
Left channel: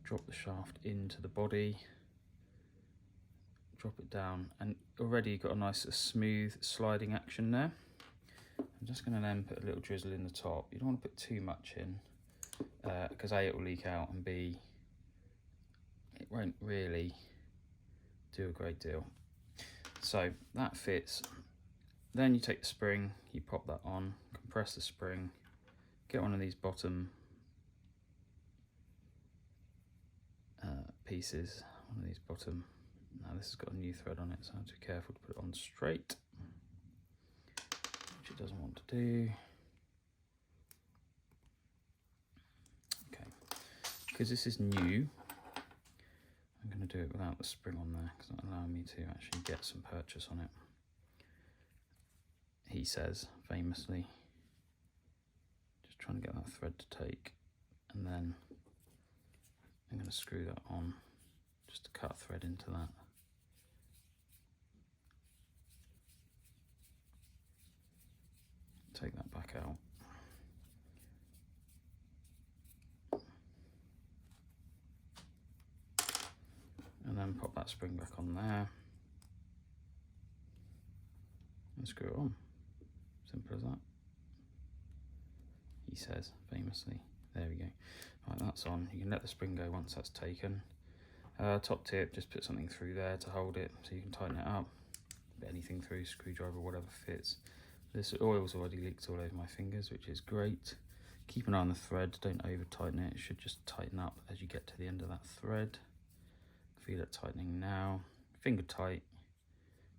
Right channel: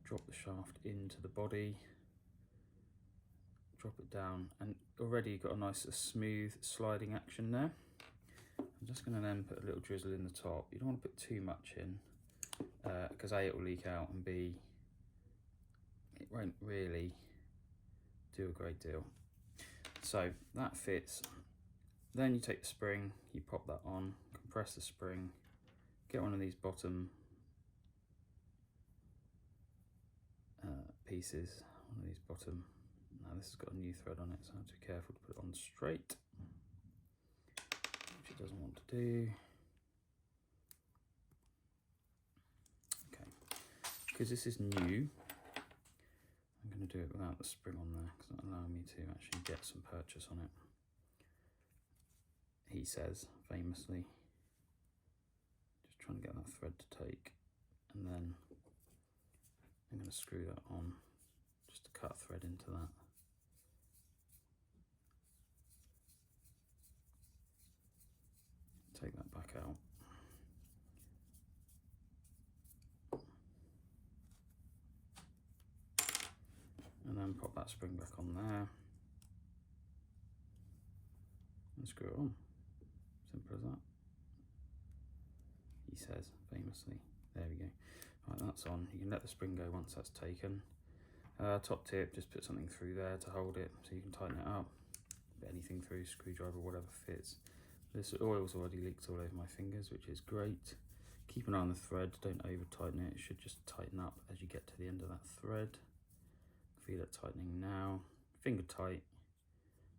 Drop the shaft into the body. Drop it down, and already got a nice smooth sliding action there. I'm just going to then put a little drizzle in the top. You don't want to put too much in because A, it will leak out, and B, it won't really do a great deal. So that fits. Then you take the spring, you pop that on, compress the spring, get one of these bottom pieces, one of these bottom. Now this has got a new thread on it, so I have to be careful to put it on straight, which it doesn't want to do. Okay, because this is new, I'm going to do it without the spring on there because that'll allow me to actually get some purchase on it. He says, famously. Just trying to get that thread to take, and then I'm going to screw that on just to cut a thread into that. Take that back out. And then pop that spring back on there and screw it on. Simple as that. He says, famously. There we go. Right, that's on. You can let the spring go once that's taken. Top tip, just put something through there to hold it so you can tighten it up. Put anything through, screwdriver, whatever fits. This oil's already leaked all over my fingers, which is great. Keep an eye on the thread, don't over tighten it. It should just tighten up as you get to the end of that thread. Feel it tightening now. Finger tight.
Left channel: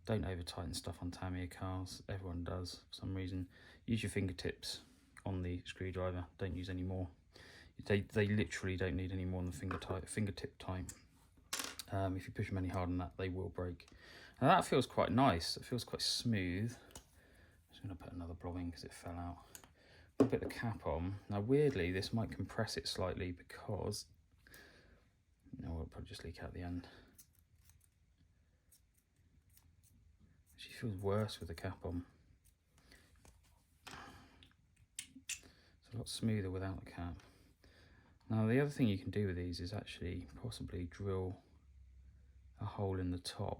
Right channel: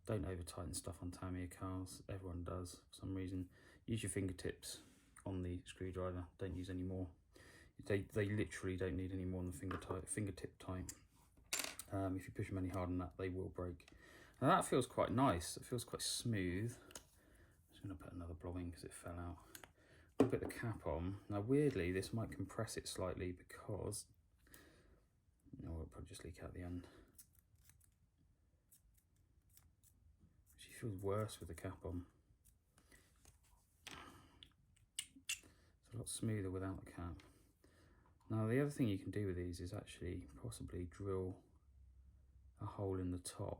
Don't over tighten stuff on Tamiya cars. Everyone does for some reason. Use your fingertips on the screwdriver. Don't use any more. They literally don't need any more than fingertip tight. If you push them any harder than that, they will break. Now that feels quite nice. It feels quite smooth. I'm just going to put another blob in because it fell out. I'll put the cap on. Now weirdly, this might compress it slightly because, no, it'll probably just leak out the end. She feels worse with the cap on. It's a lot smoother without the cap. Now the other thing you can do with these is actually possibly drill a hole in the top,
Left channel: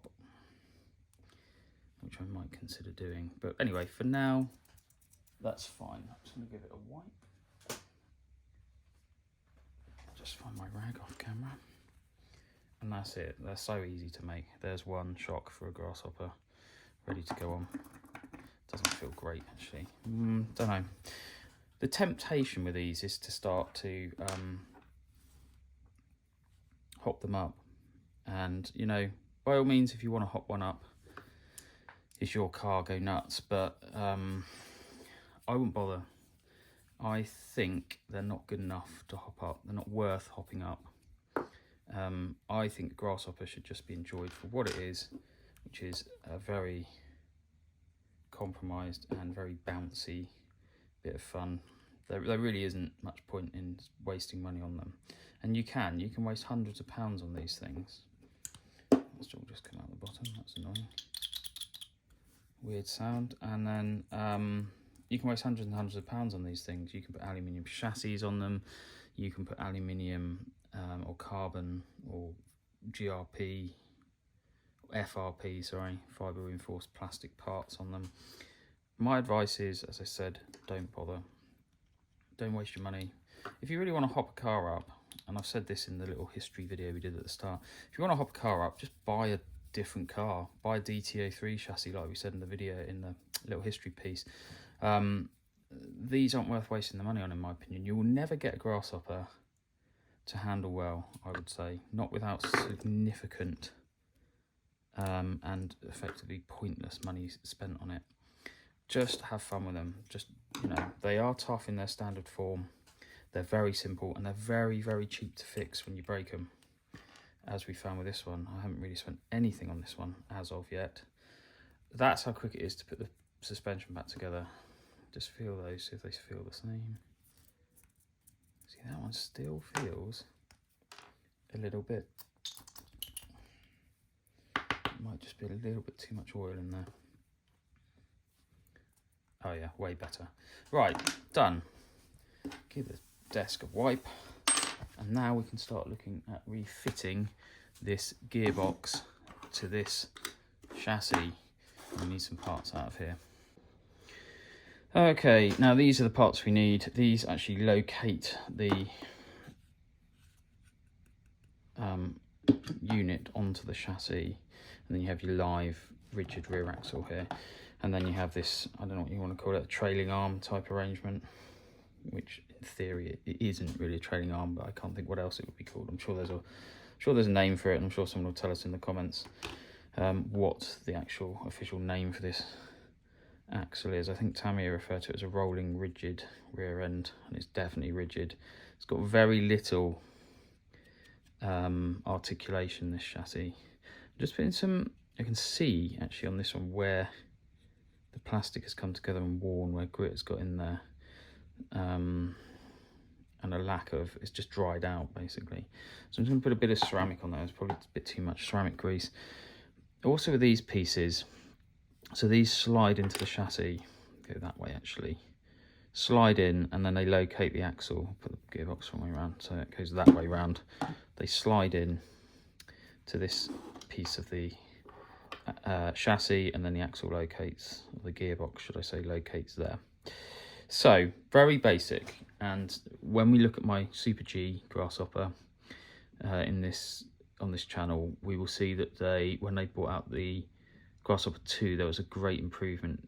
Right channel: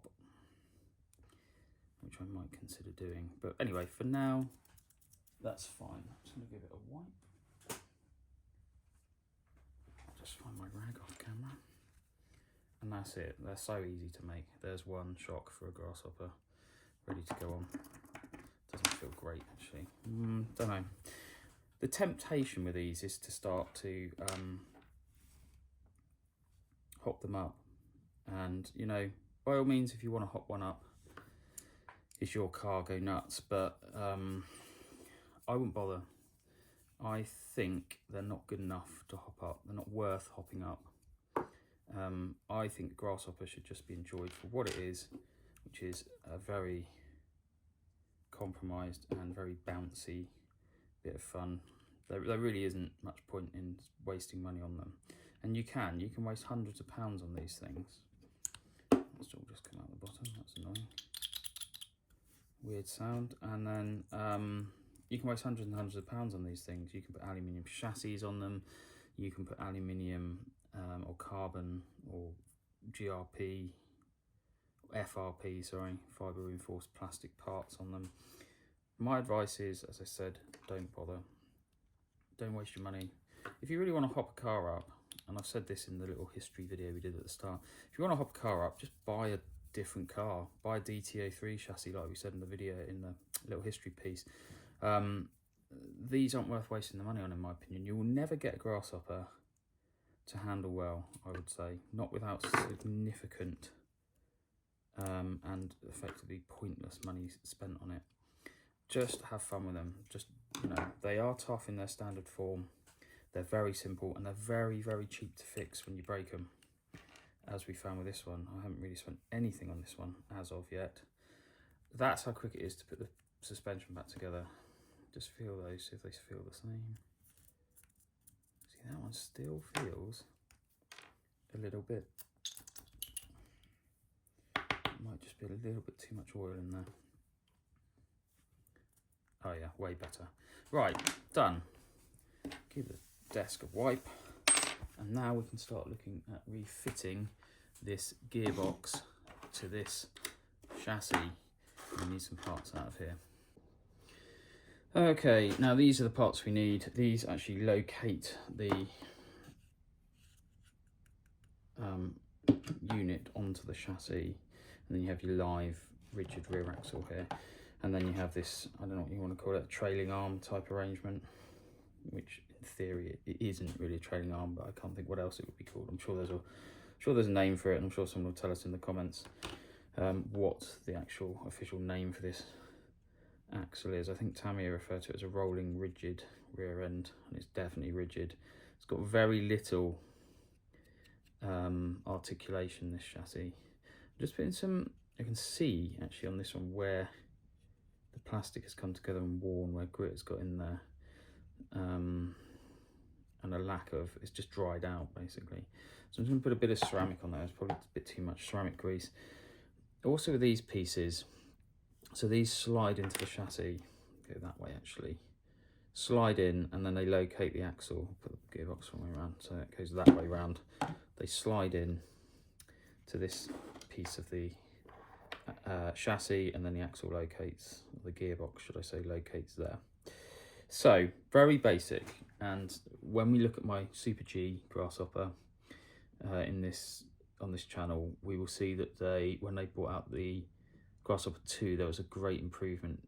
which I might consider doing. But anyway, for now, that's fine. I'm just going to give it a wipe. I'll just find my rag off camera. And that's it. They're so easy to make. There's one shock for a grasshopper, ready to go on. Doesn't feel great, actually. Don't know. The temptation with these is to start to hop them up. And, you know, by all means, if you want to hop one up, it's your car, go nuts. But I wouldn't bother. I think they're not good enough to hop up. They're not worth hopping up. I think Grasshopper should just be enjoyed for what it is, which is a very compromised and very bouncy bit of fun. There really isn't much point in wasting money on them. And you can waste hundreds of pounds on these things. Let's all just come out the bottom, that's annoying. Weird sound. And then you can waste hundreds and hundreds of pounds on these things. You can put aluminium chassis on them. You can put aluminium or carbon or GRP, FRP, sorry, fibre reinforced plastic parts on them. My advice is, as I said, don't bother. Don't waste your money. If you really want to hop a car up, and I've said this in the little history video we did at the start, if you want to hop a car up, just buy a different car. Buy a DT03 chassis like we said in the video, in the little history piece. These aren't worth wasting the money on, in my opinion. You will never get a Grasshopper to handle well, I would say. Not without significant and effectively pointless money spent on it. Just have fun with them. Just, you know, they are tough in their standard form. They're very simple and they're very, very cheap to fix when you break them. As we found with this one, I haven't really spent anything on this one as of yet. That's how quick it is to put the suspension back together. Just feel those, see if they feel the same. See, that one still feels a little bit. It might just be a little bit too much oil in there. Oh yeah, way better. Right, done. Give the desk a wipe. And now we can start looking at refitting this gearbox to this chassis. We need some parts out of here. Okay, now these are the parts we need. These actually locate the unit onto the chassis. And then you have your live rigid rear axle here. And then you have this, I don't know what you want to call it, a trailing arm type arrangement, which in theory it isn't really a trailing arm, but I can't think what else it would be called. I'm sure there's a name for it, and I'm sure someone will tell us in the comments what the actual official name for this axle is. I think Tamiya referred to it as a rolling rigid rear end, and it's definitely rigid. It's got very little articulation, this chassis. Just putting some, I can see actually on this one where the plastic has come together and worn, where grit's got in there. And a lack of, it's just dried out basically. So I'm just going to put a bit of ceramic on there. It's probably a bit too much ceramic grease. Also with these pieces, so these slide into the chassis, go that way actually, slide in and then they locate the axle. Put the gearbox one way around so it goes that way around. They slide in to this piece of the chassis, and then the axle locates, the gearbox should I say, locates there. So very basic. And when we look at my Super G Grasshopper on this channel, we will see that when they brought out the Grasshopper 2, there was a great improvement.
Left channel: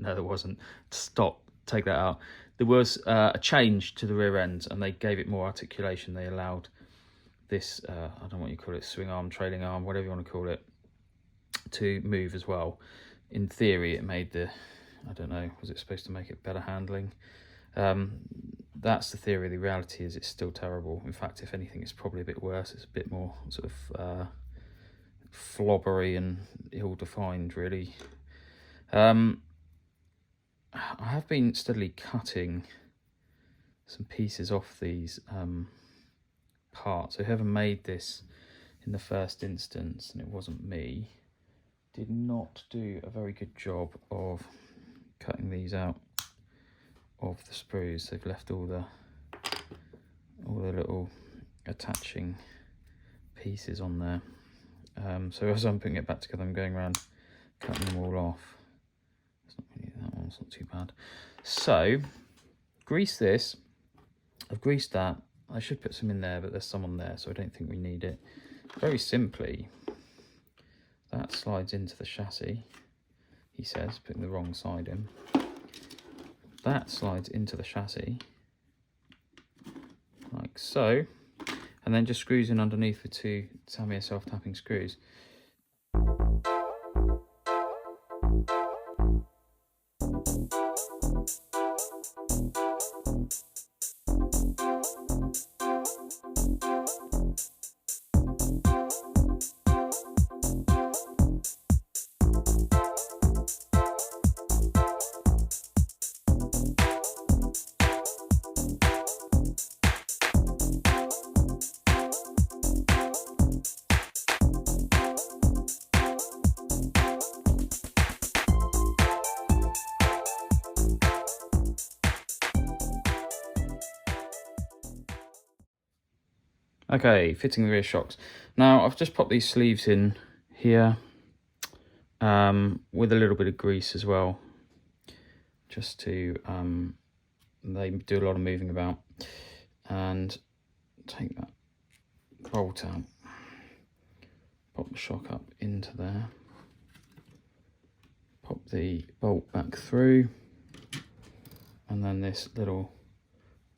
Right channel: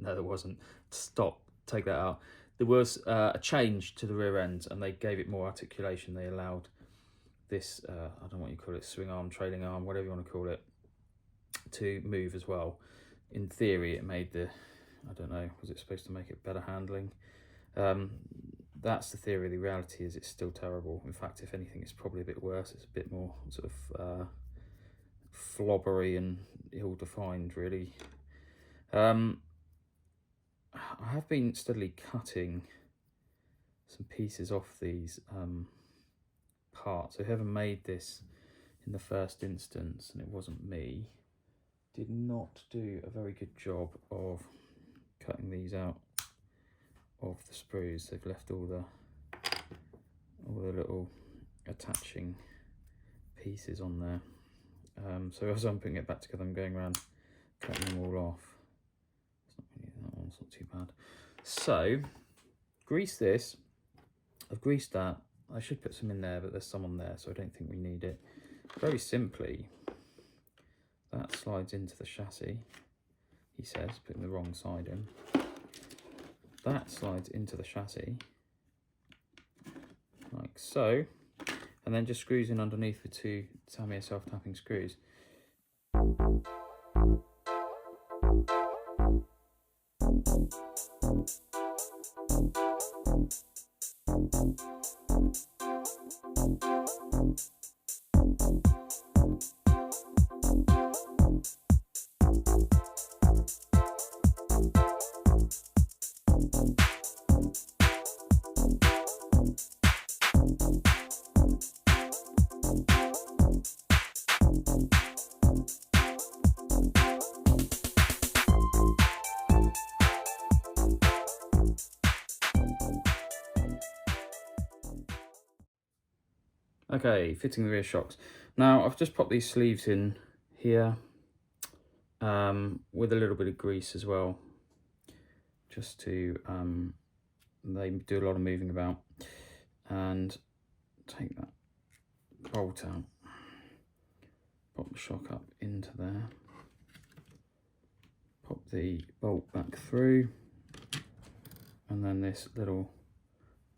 No, there wasn't. Stop, take that out. There was a change to the rear end, and they gave it more articulation. They allowed this, I don't know what you call it, swing arm, trailing arm, whatever you want to call it, to move as well. In theory, it made the, I don't know, was it supposed to make it better handling? That's the theory. The reality is it's still terrible. In fact, if anything, it's probably a bit worse. It's a bit more sort of flobbery and ill-defined, really. I have been steadily cutting some pieces off these parts. So whoever made this in the first instance, and it wasn't me, did not do a very good job of cutting these out of the sprues. They've left all the little attaching pieces on there. So as I'm putting it back together, I'm going around cutting them all off. It's not really, that one's not too bad. So grease this. I've greased that. I should put some in there, but there's some on there, so I don't think we need it. Very simply, that slides into the chassis, he says, putting the wrong side in. That slides into the chassis, like so, and then just screws in underneath with two Tamiya self-tapping screws. Okay, fitting the rear shocks. Now I've just popped these sleeves in here with a little bit of grease as well, just to they do a lot of moving about. And take that bolt out, pop the shock up into there, pop the bolt back through, and then this little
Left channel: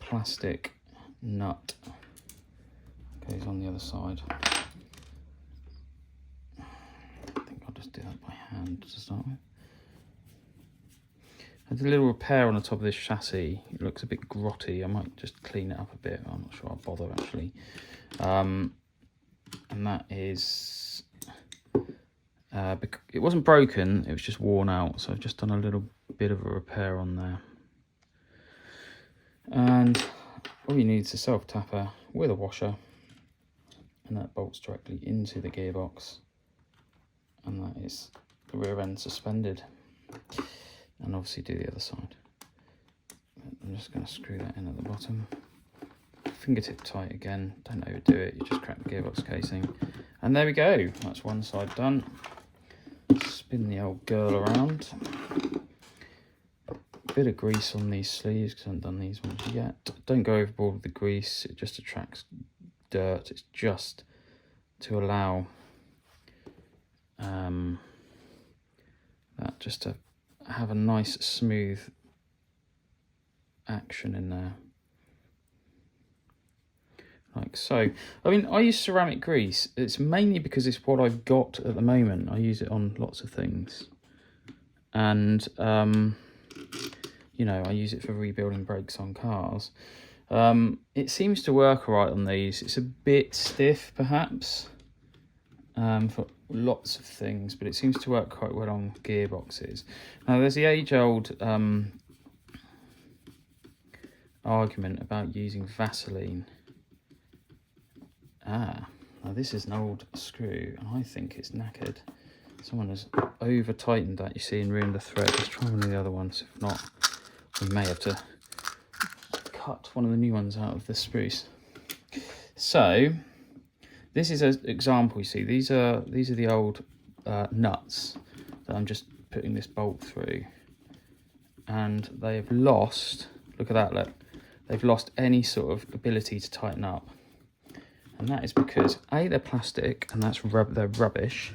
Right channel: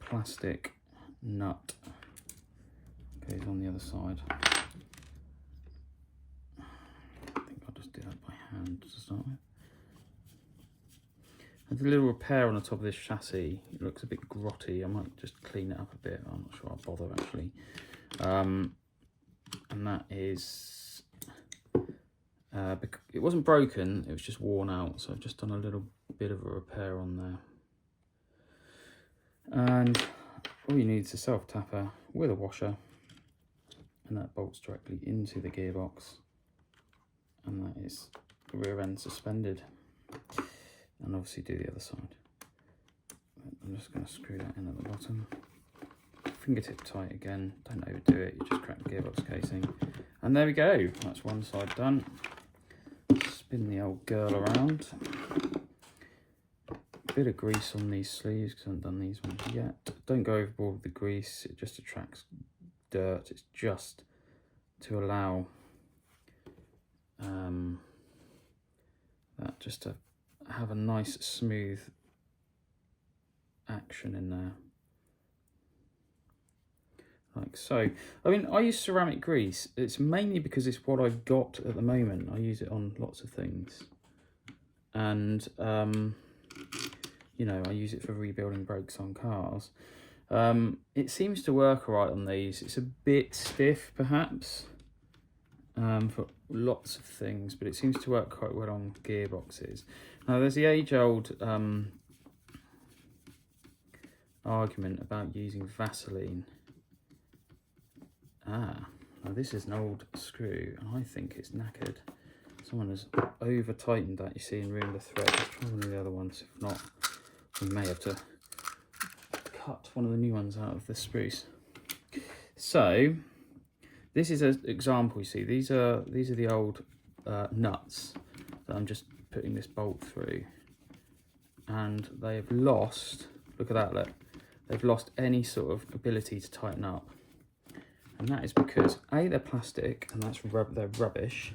plastic nut goes on the other side. I think I'll just do that by hand to start with. There's a little repair on the top of this chassis. It looks a bit grotty. I might just clean it up a bit. I'm not sure I'll bother actually. And that is, it wasn't broken, it was just worn out. So I've just done a little bit of a repair on there. And all you need is a self-tapper with a washer. And that bolts directly into the gearbox, and that is the rear end suspended. And obviously do the other side. I'm just going to screw that in at the bottom. Fingertip tight again, don't overdo it, you just crack the gearbox casing. And there we go, that's one side done. Spin the old girl around. Bit of grease on these sleeves because I haven't done these ones yet. Don't go overboard with the grease, it just attracts dirt. It's just to allow that just to have a nice smooth action in there, like so. I mean, I use ceramic grease. It's mainly because it's what I've got at the moment. I use it on lots of things, and you know, I use it for rebuilding brakes on cars. It seems to work all right on these. It's a bit stiff perhaps for lots of things, but it seems to work quite well on gearboxes. Now there's the age-old argument about using Vaseline. Now this is an old screw and I think it's knackered. Someone has over tightened that, you see, and ruined the thread. Let's try one of the other ones. If not, we may have to cut one of the new ones out of the spruce. So this is an example. You see, these are the old nuts that I'm just putting this bolt through, and they've lost, look at that, look, they've lost any sort of ability to tighten up, and that is because A, they're plastic and that's they're rubbish.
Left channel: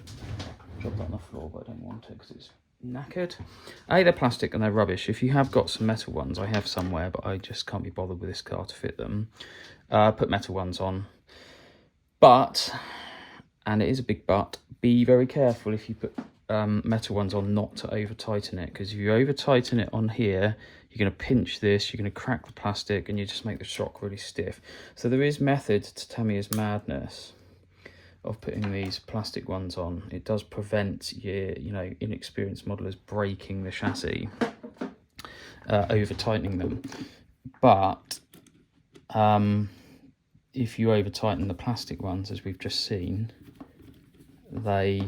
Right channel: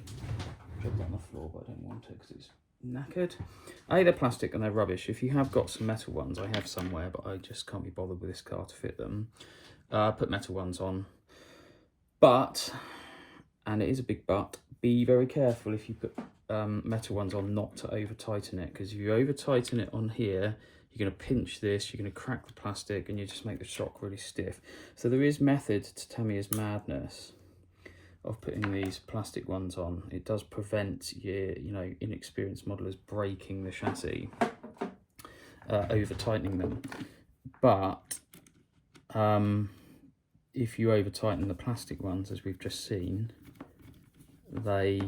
Drop that on the floor, but I don't want to because it's knackered. A, they're plastic and they're rubbish. If you have got some metal ones, I have somewhere, but I just can't be bothered with this car to fit them. Put metal ones on. But, and it is a big but, be very careful if you put metal ones on not to over tighten it, because if you over tighten it on here, you're going to pinch this, you're going to crack the plastic, and you just make the shock really stiff. So there is method to Tamiya's madness of putting these plastic ones on. It does prevent your, inexperienced modelers breaking the chassis, over tightening them. But if you over tighten the plastic ones, as we've just seen, they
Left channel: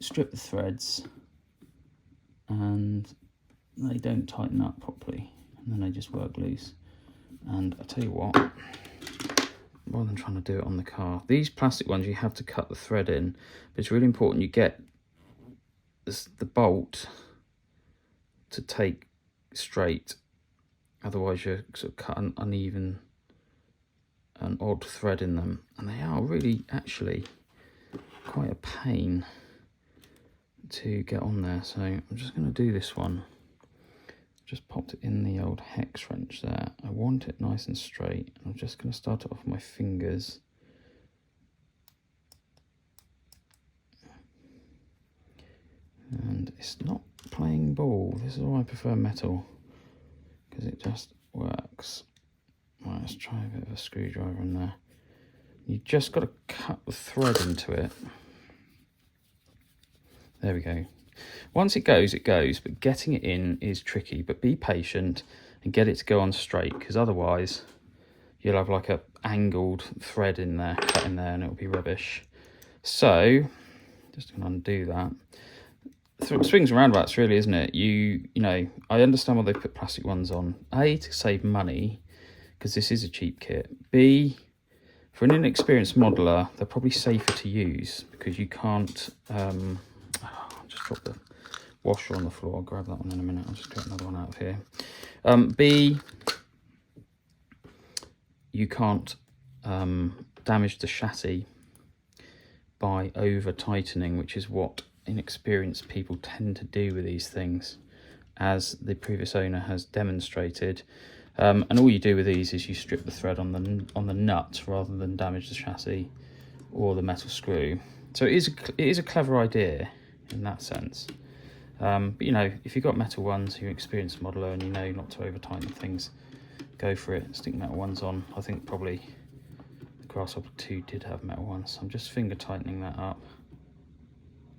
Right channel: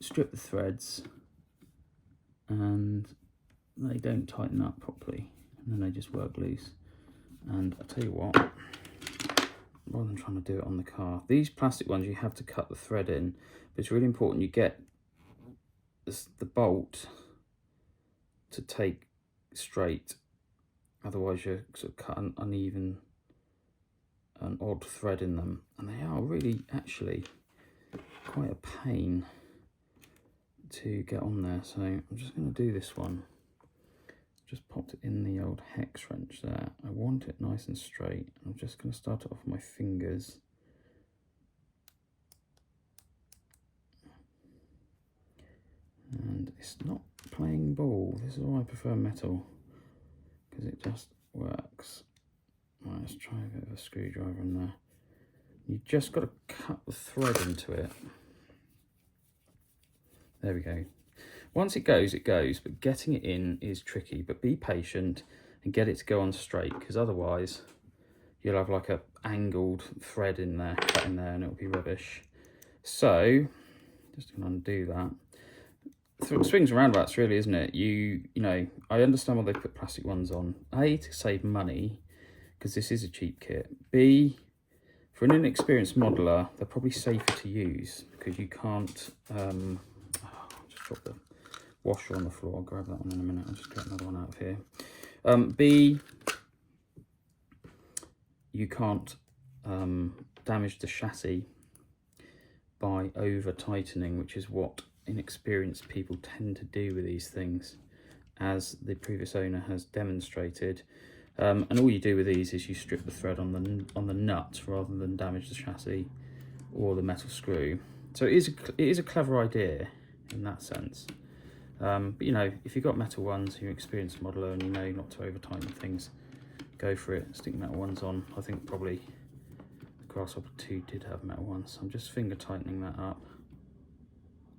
strip the threads and they don't tighten up properly, and then they just work loose. And I tell you what, rather than trying to do it on the car, these plastic ones, you have to cut the thread in, but it's really important you get the bolt to take straight, otherwise you're sort of cut an uneven, an odd thread in them, and they are really actually quite a pain to get on there. So I'm just going to do this one. Just popped it in the old hex wrench there. I want it nice and straight. I'm just going to start it off with my fingers. And it's not playing ball. This is why I prefer metal, because it just works. Right, let's try a bit of a screwdriver in there. You just got to cut the thread into it. There we go. Once it goes, but getting it in is tricky. But be patient and get it to go on straight, because otherwise you'll have like a angled thread in there, cut in there, and it'll be rubbish. So just gonna undo that. Swings and roundabouts, really, isn't it? You know, I understand why they put plastic ones on. A, to save money, because this is a cheap kit. B, for an inexperienced modeler, they're probably safer to use, because you can't. Just drop the washer on the floor. I'll grab that one in a minute. I'll just get another one out of here. B, you can't damage the chassis by over tightening, which is what inexperienced people tend to do with these things, as the previous owner has demonstrated. And all you do with these is you strip the thread on the nut rather than damage the chassis or the metal screw. So it is a clever idea in that sense. But you know, if you've got metal ones, you're an experienced modeler and you know not to over tighten things, go for it. Stick metal ones on. I think probably the Grasshopper 2 did have metal ones. I'm just finger tightening that up.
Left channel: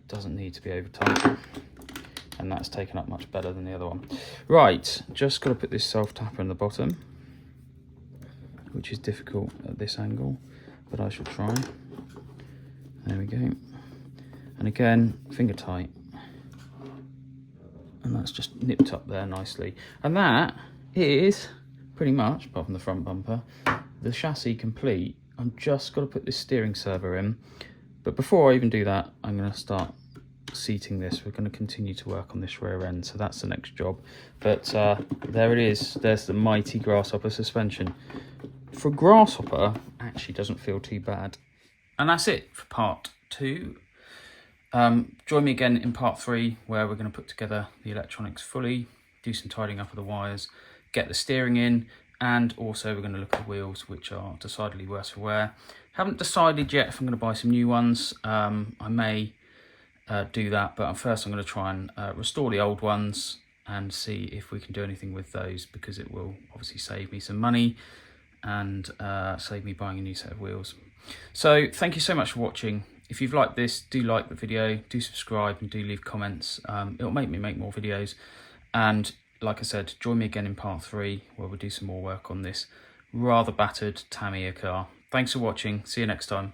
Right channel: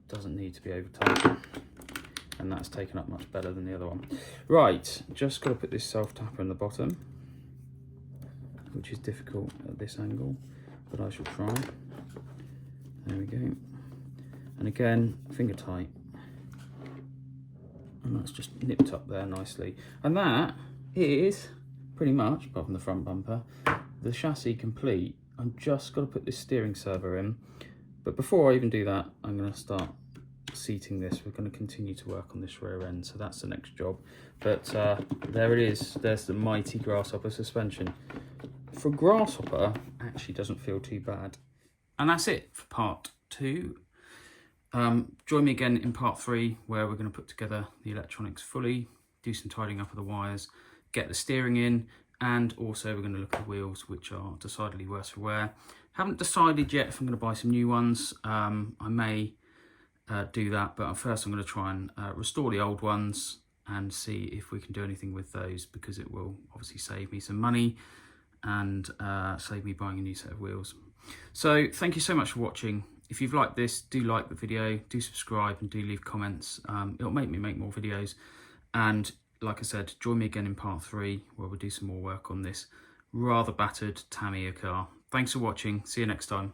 Doesn't need to be over tight, and that's taken up much better than the other one. Right, just got to put this self tapper in the bottom, which is difficult at this angle, but I shall try. There we go. And again, finger tight, and that's just nipped up there nicely. And that is pretty much, apart from the front bumper, the chassis complete. I've just got to put this steering servo in. But before I even do that, I'm going to start seating this. We're going to continue to work on this rear end, so that's the next job. But there it is. There's the mighty Grasshopper suspension. For Grasshopper, actually doesn't feel too bad. And that's it for part 2. Join me again in part 3, where we're going to put together the electronics fully, do some tidying up of the wires, get the steering in, and also we're going to look at the wheels, which are decidedly worse for wear. Haven't decided yet if I'm going to buy some new ones. I may do that, but first I'm going to try and restore the old ones and see if we can do anything with those, because it will obviously save me some money and save me buying a new set of wheels. So thank you so much for watching. If you've liked this, do like the video, do subscribe and do leave comments. It'll make me make more videos. And like I said, join me again in part 3, where we'll do some more work on this rather battered Tamiya car. Thanks for watching. See you next time.